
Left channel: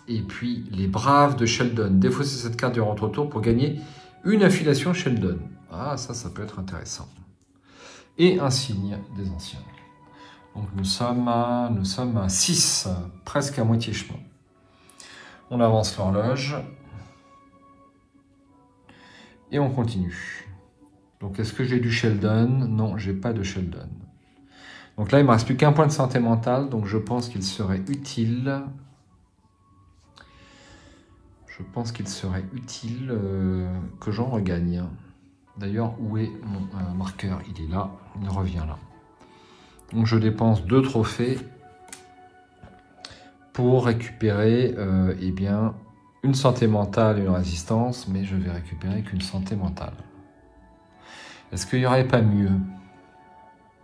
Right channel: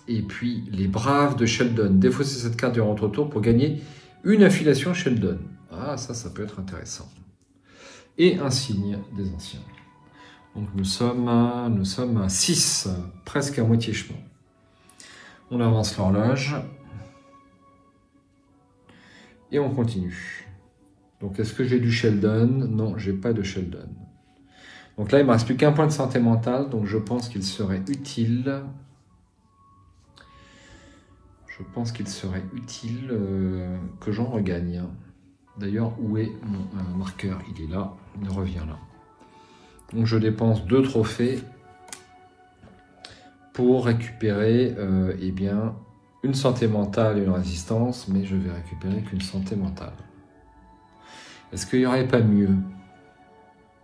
Et puis, les braves de Sheldon. Défausser cette carte durant votre tour pour gagner une affiliation Sheldon. Ah, ça peut être intéressant. Et un signe des anciens. Donc, nous sommes à 6, presque à moitié chemin. On avance l'horloge. Et on continue. Donc, est-ce que j'ai du Sheldon? Non, j'ai pas de Sheldon. Donc là, il ne me reste plus qu'un point de santé mentale, donc je pense qu'il serait utile. Que j'en regagne. D'ailleurs, où est mon marqueur? Il est là, il revient là. Donc je dépense 2 trophées pour récupérer eh bien, une santé mentale et une résistance, mais je vais récupérer qu'une santé mentale. Est-ce qu'il n'y aurait pas mieux?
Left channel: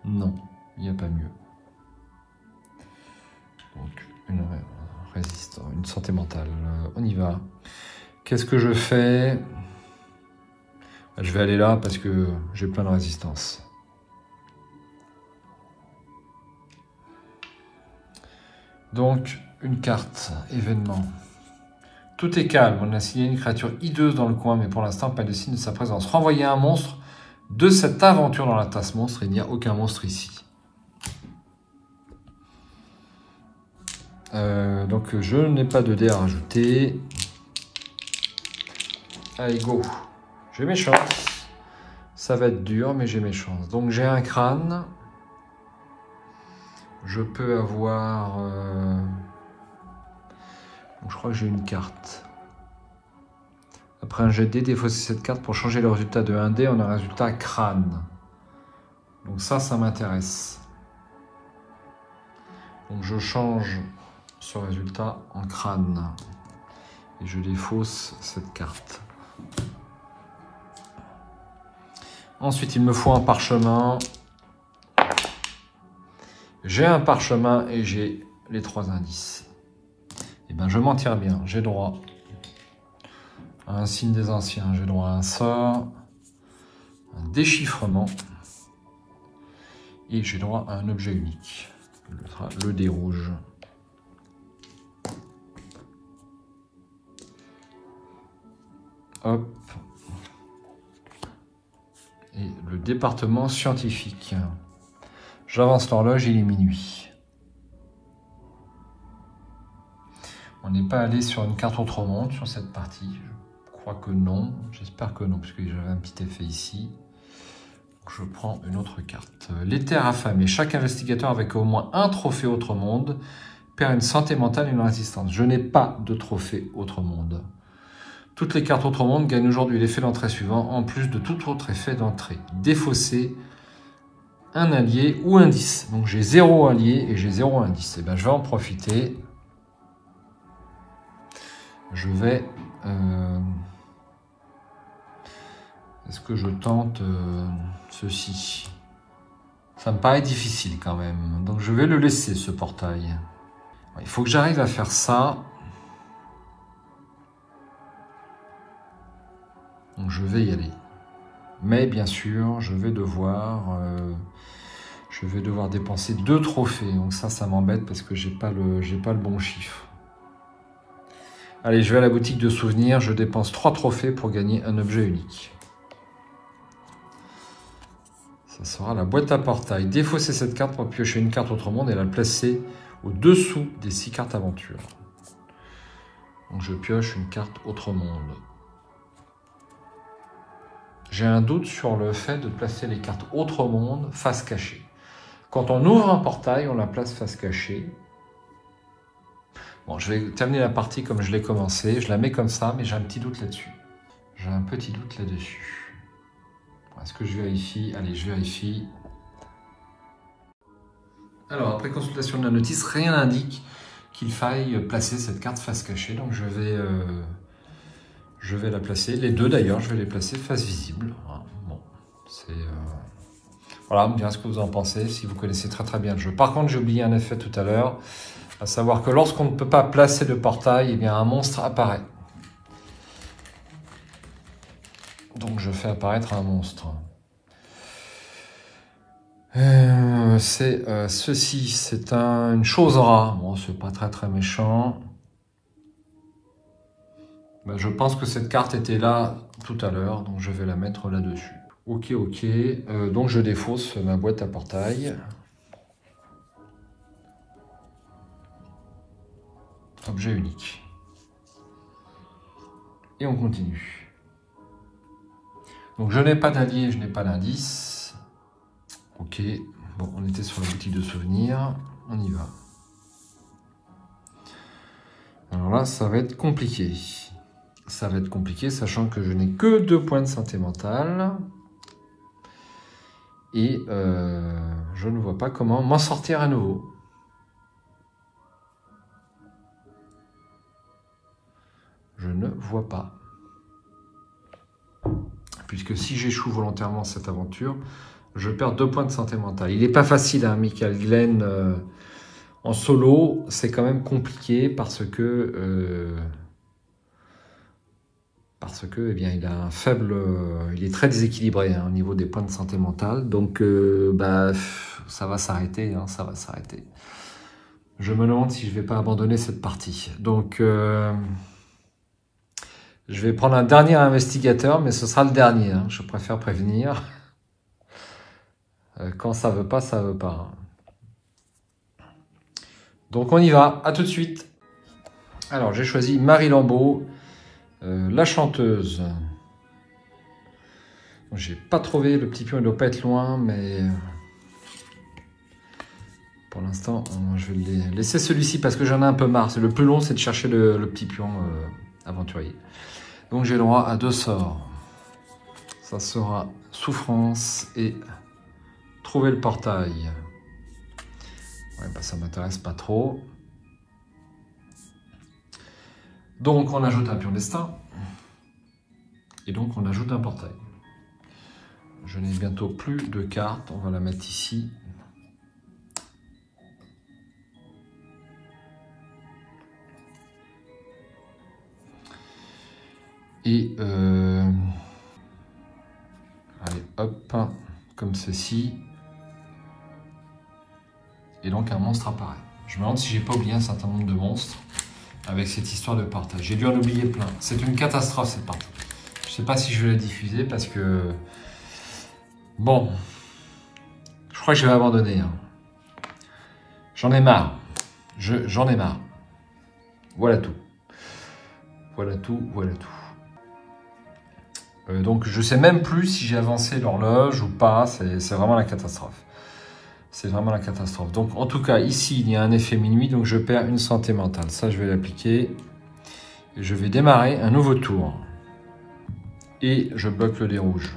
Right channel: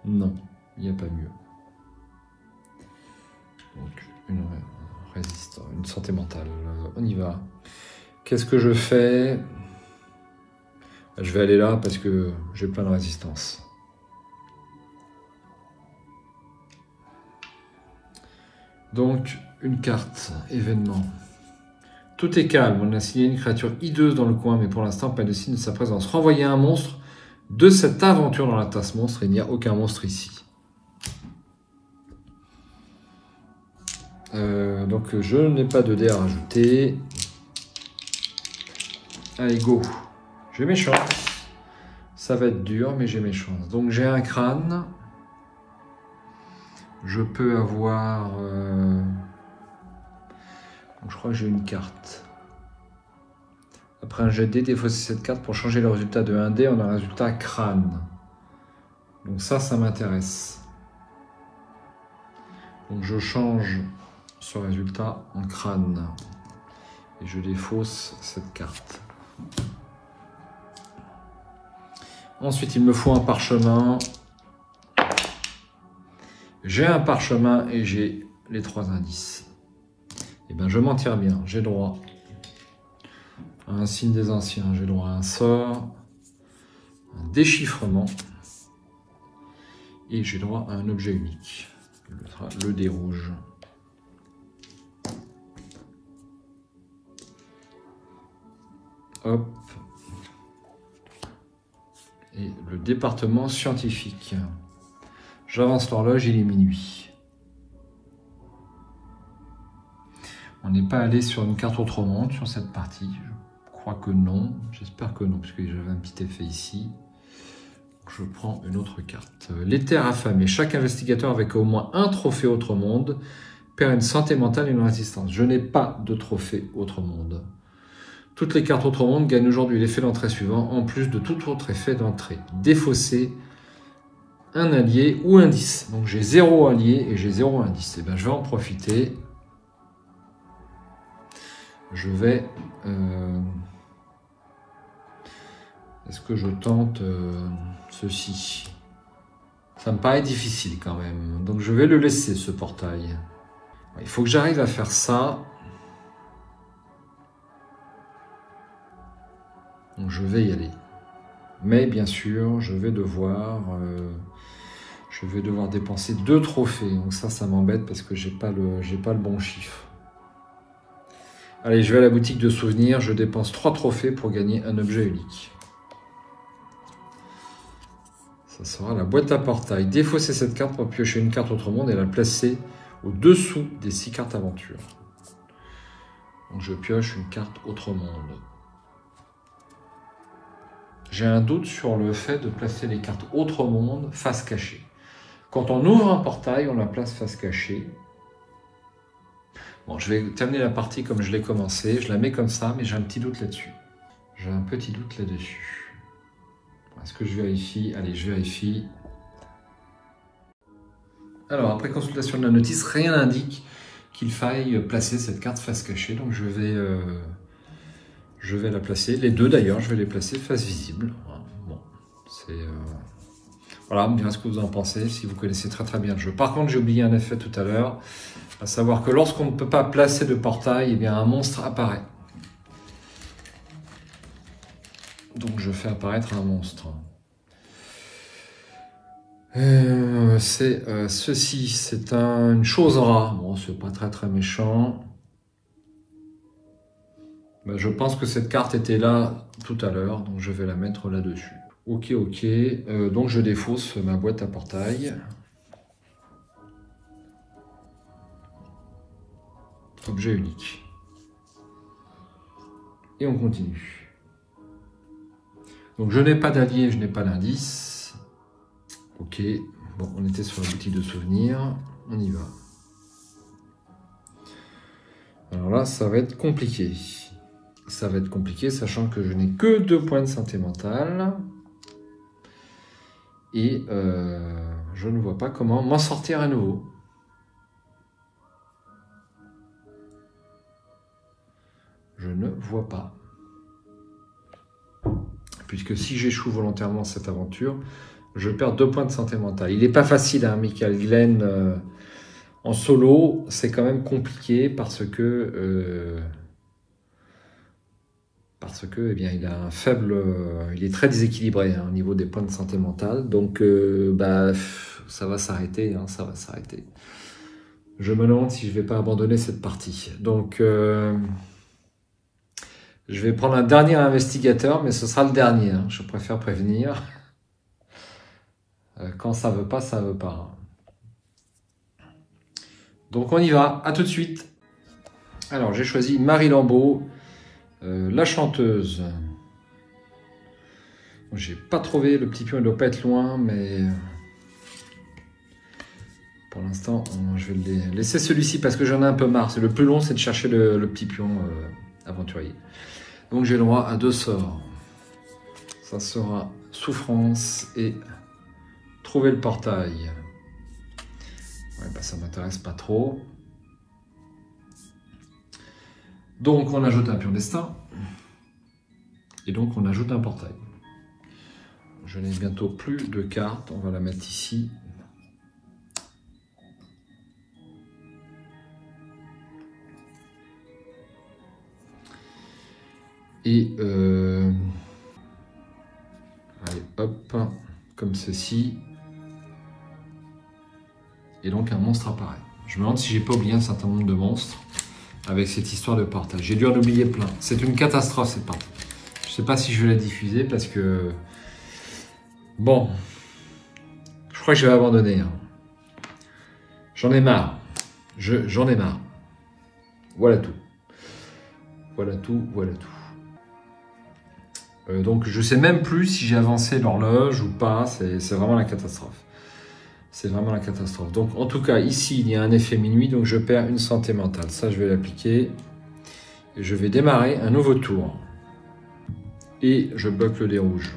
Non, il n'y a pas mieux. Donc une résistance, une santé mentale. On y va. Qu'est-ce que je fais? Je vais aller là parce que j'ai plein de résistance. Donc, une carte, événement. Tout est calme, on a signé une créature hideuse dans le coin, mais pour l'instant, pas de signe de sa présence. Renvoyer un monstre de cette aventure dans la tasse monstre, et il n'y a aucun monstre ici. Donc, je n'ai pas de dés à rajouter. Allez, go. J'ai mes chances. Ça va être dur, mais j'ai mes chances. Donc, j'ai un crâne. Je peux avoir... je crois que j'ai une carte. Après un jet de dés, défausser cette carte pour changer le résultat de 1 dé en un résultat crâne. Donc ça m'intéresse. Donc je change ce résultat en crâne. Et je défausse cette carte. Ensuite, il me faut un parchemin. J'ai un parchemin et j'ai les 3 indices. Et bien, je m'en tire bien. J'ai droit à un signe des anciens. J'ai droit à un sort, un déchiffrement. Et j'ai droit à un objet unique. Le dé rouge. Hop. Et le département scientifique. J'avance l'horloge, il est minuit. On n'est pas allé sur une carte autre monde sur cette partie. Je crois que non. J'espère que non, parce que j'avais un petit effet ici. Je prends une autre carte. Les terres affamées. Chaque investigateur avec au moins un trophée autre monde perd une santé mentale et une résistance. Je n'ai pas de trophée autre monde. Toutes les cartes autre monde gagnent aujourd'hui l'effet d'entrée suivant, en plus de tout autre effet d'entrée. Défausser un allié ou indice. Donc j'ai 0 allié et j'ai 0 indice. Et bien je vais en profiter. Je vais... Est-ce que je tente ceci? Ça me paraît difficile quand même. Donc je vais le laisser, ce portail. Il faut que j'arrive à faire ça. Donc je vais y aller. Mais bien sûr, je vais devoir dépenser 2 trophées. Donc ça m'embête parce que j'ai pas le bon chiffre. Allez, je vais à la boutique de souvenirs. Je dépense 3 trophées pour gagner un objet unique. Ça sera la boîte à portail. Défausser cette carte pour piocher une carte autre monde et la placer au-dessous des 6 cartes aventure. Donc je pioche une carte autre monde. J'ai un doute sur le fait de placer les cartes autre monde face cachée. Quand on ouvre un portail, on la place face cachée. Bon, je vais terminer la partie comme je l'ai commencé. Je la mets comme ça, mais j'ai un petit doute là-dessus. J'ai un petit doute là-dessus. Est-ce que je vérifie? Allez, je vérifie. Alors, après consultation de la notice, rien n'indique qu'il faille placer cette carte face cachée. Donc, je vais la placer. Les deux, d'ailleurs, je vais les placer face visible. Voilà, bon, c'est... Voilà, me dire ce que vous en pensez, si vous connaissez très très bien le jeu. Par contre, j'ai oublié un effet tout à l'heure, à savoir que lorsqu'on ne peut pas placer de portail, eh bien, un monstre apparaît. Donc je fais apparaître un monstre. C'est ceci, c'est une chose rare. Bon, c'est pas très méchant. Ben, je pense que cette carte était là tout à l'heure, donc je vais la mettre là-dessus. Ok. Donc je défausse ma boîte à portail. Objet unique. Et on continue. Donc je n'ai pas d'allié, je n'ai pas d'indice. Ok, bon, on était sur l'outil de souvenir, on y va. Alors là, ça va être compliqué. Ça va être compliqué, sachant que je n'ai que 2 points de santé mentale. Et je ne vois pas comment m'en sortir à nouveau. Je ne vois pas. Puisque si j'échoue volontairement cette aventure, je perds 2 points de santé mentale. Il n'est pas facile, hein, Michael Glenn. En solo, c'est quand même compliqué parce que eh bien, il a un faible, il est très déséquilibré hein, au niveau des points de santé mentale. Donc, bah, ça va s'arrêter, hein, ça va s'arrêter. Je me demande si je ne vais pas abandonner cette partie. Donc, je vais prendre un dernier investigateur, mais ce sera le dernier. Hein, je préfère prévenir. Quand ça veut pas, ça veut pas. Donc, on y va. À tout de suite. Alors, j'ai choisi Marie Lambeau. La chanteuse. J'ai pas trouvé, le petit pion, il doit pas être loin, mais pour l'instant, je vais le laisser celui-ci parce que j'en ai un peu marre. Le plus long, c'est de chercher le petit pion aventurier. Donc j'ai le droit à 2 sorts. Ça sera souffrance et trouver le portail. Ouais, bah, ça m'intéresse pas trop. Donc on ajoute un pion destin. Et donc on ajoute un portail. Je n'ai bientôt plus de cartes. On va la mettre ici. Et allez, hop, comme ceci. Et donc un monstre apparaît. Je me demande si j'ai pas oublié un certain nombre de monstres avec cette histoire de partage. J'ai dû en oublier plein. C'est une catastrophe cette partie. Je sais pas si je vais la diffuser parce que... Bon. Je crois que je vais abandonner. Hein. J'en ai marre. J'en ai marre. Voilà tout. Voilà tout, voilà tout. Donc je sais même plus si j'ai avancé l'horloge ou pas. C'est vraiment la catastrophe. C'est vraiment la catastrophe. Donc en tout cas, ici, il y a un effet minuit, donc je perds une santé mentale. Ça, je vais l'appliquer. Et je vais démarrer un nouveau tour. Et je bloque le dé rouge.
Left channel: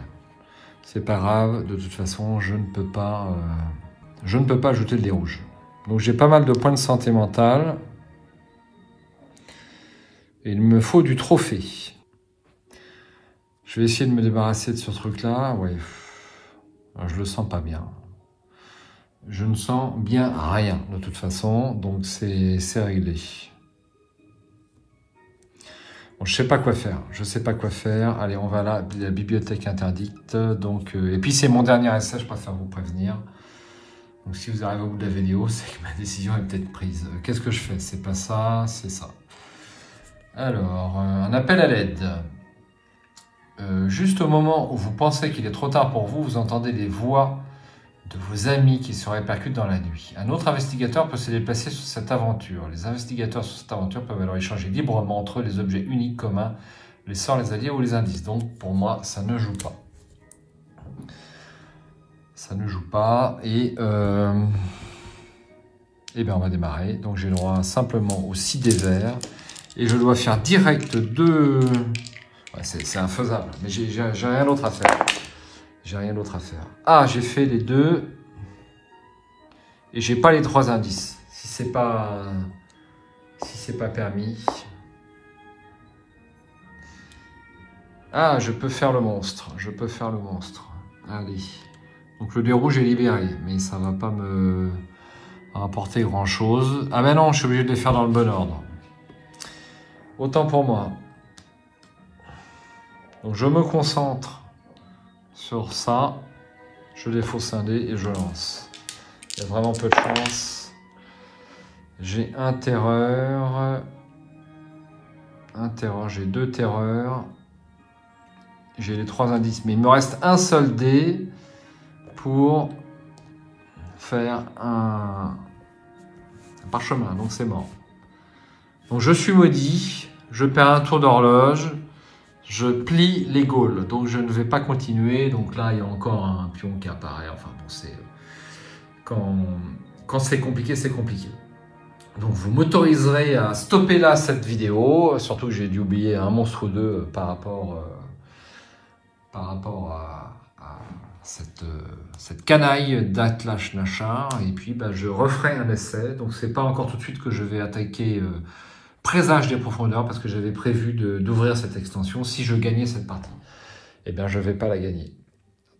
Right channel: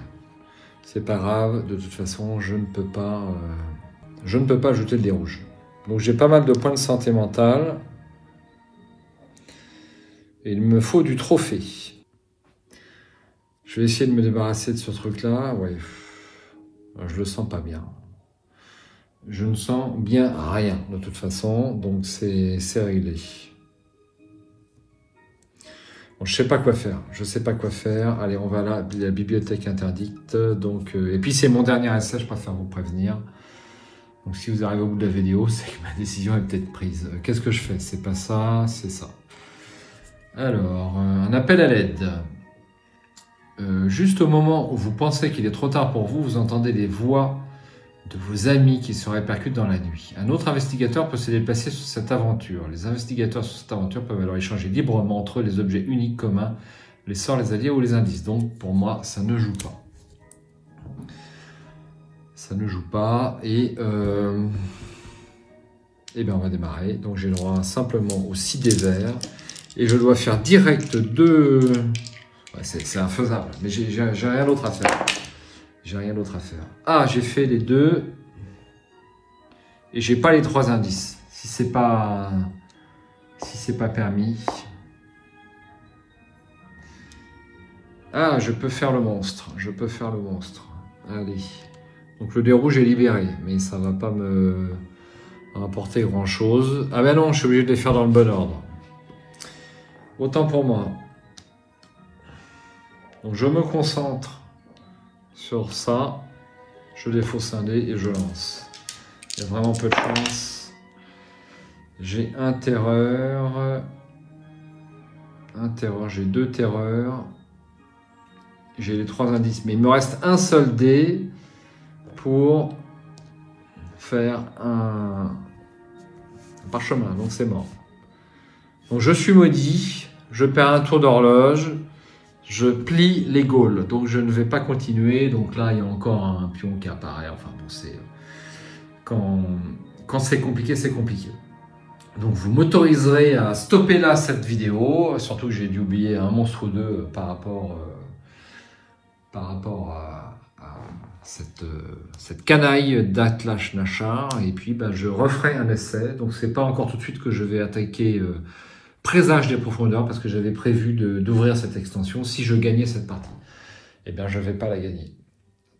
C'est pas grave, de toute façon, je ne peux pas ajouter le dé rouge. Donc j'ai pas mal de points de santé mentale. Et il me faut du trophée. Je vais essayer de me débarrasser de ce truc-là. Oui, je le sens pas bien. Je ne sens bien rien de toute façon, donc c'est réglé. Bon, je sais pas quoi faire. Je sais pas quoi faire. Allez, on va à la bibliothèque interdite. Donc, et puis c'est mon dernier essai, je préfère vous prévenir. Donc si vous arrivez au bout de la vidéo, c'est que ma décision est peut-être prise. Qu'est-ce que je fais? C'est pas ça, c'est ça. Alors, un appel à l'aide. Juste au moment où vous pensez qu'il est trop tard pour vous, vous entendez des voix de vos amis qui se répercutent dans la nuit. Un autre investigateur peut se déplacer sur cette aventure. Les investigateurs sur cette aventure peuvent alors échanger librement entre eux les objets uniques communs, les sorts, les alliés ou les indices. Donc pour moi, ça ne joue pas. Ça ne joue pas. Et bien on va démarrer. Donc j'ai le droit simplement aux 6 dés verts. Et je dois faire direct 2... Ouais, c'est infaisable, mais j'ai rien d'autre à faire. J'ai rien d'autre à faire. Ah, j'ai fait les 2. Et j'ai pas les 3 indices. Si c'est pas permis. Ah, je peux faire le monstre. Je peux faire le monstre. Allez. Donc le dé rouge est libéré. Mais ça va pas me rapporter grand chose. Ah ben non, je suis obligé de les faire dans le bon ordre. Autant pour moi. Donc je me concentre sur ça, je défausse un dé et je lance. Il y a vraiment peu de chance. J'ai un terreur, j'ai 2 terreurs, j'ai les 3 indices, mais il me reste un seul dé pour faire un parchemin, donc c'est mort. Donc je suis maudit, je perds un tour d'horloge, je plie les Gaules, donc je ne vais pas continuer. Donc là il y a encore un pion qui apparaît, enfin bon, c'est quand c'est compliqué, c'est compliqué. Donc vous m'autoriserez à stopper là cette vidéo, surtout que j'ai dû oublier un monstre ou deux par rapport à cette canaille d'Atlas Nashar, et puis je referai un essai. Donc c'est pas encore tout de suite que je vais attaquer Présage des profondeurs, parce que j'avais prévu d'ouvrir cette extension. Si je gagnais cette partie, eh bien je vais pas la gagner.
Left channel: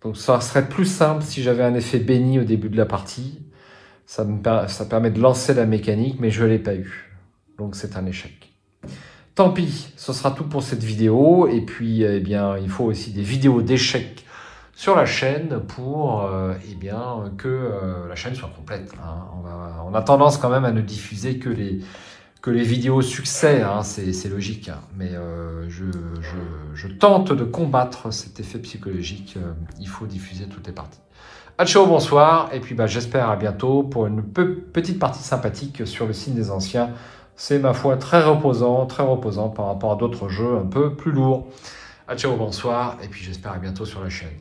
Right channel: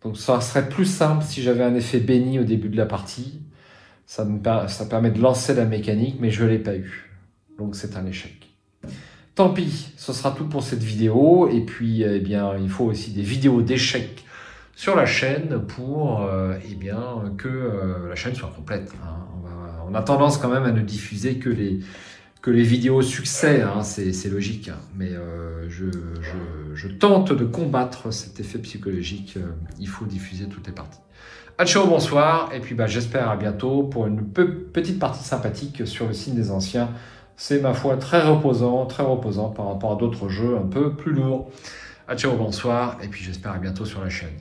Donc ça serait plus simple si j'avais un effet béni au début de la partie. Ça permet de lancer la mécanique, mais je ne l'ai pas eu. Donc c'est un échec. Tant pis, ce sera tout pour cette vidéo. Et puis, eh bien, il faut aussi des vidéos d'échecs sur la chaîne pour eh bien, que la chaîne soit complète. Hein. On a tendance quand même à ne diffuser que les vidéos succès, hein. C'est logique. Hein. Mais je tente de combattre cet effet psychologique. Il faut diffuser toutes les parties. Ciao, bonsoir, et puis j'espère à bientôt pour une petite partie sympathique sur le signe des anciens. C'est ma foi très reposant par rapport à d'autres jeux un peu plus lourds. Ciao, bonsoir, et puis j'espère à bientôt sur la chaîne.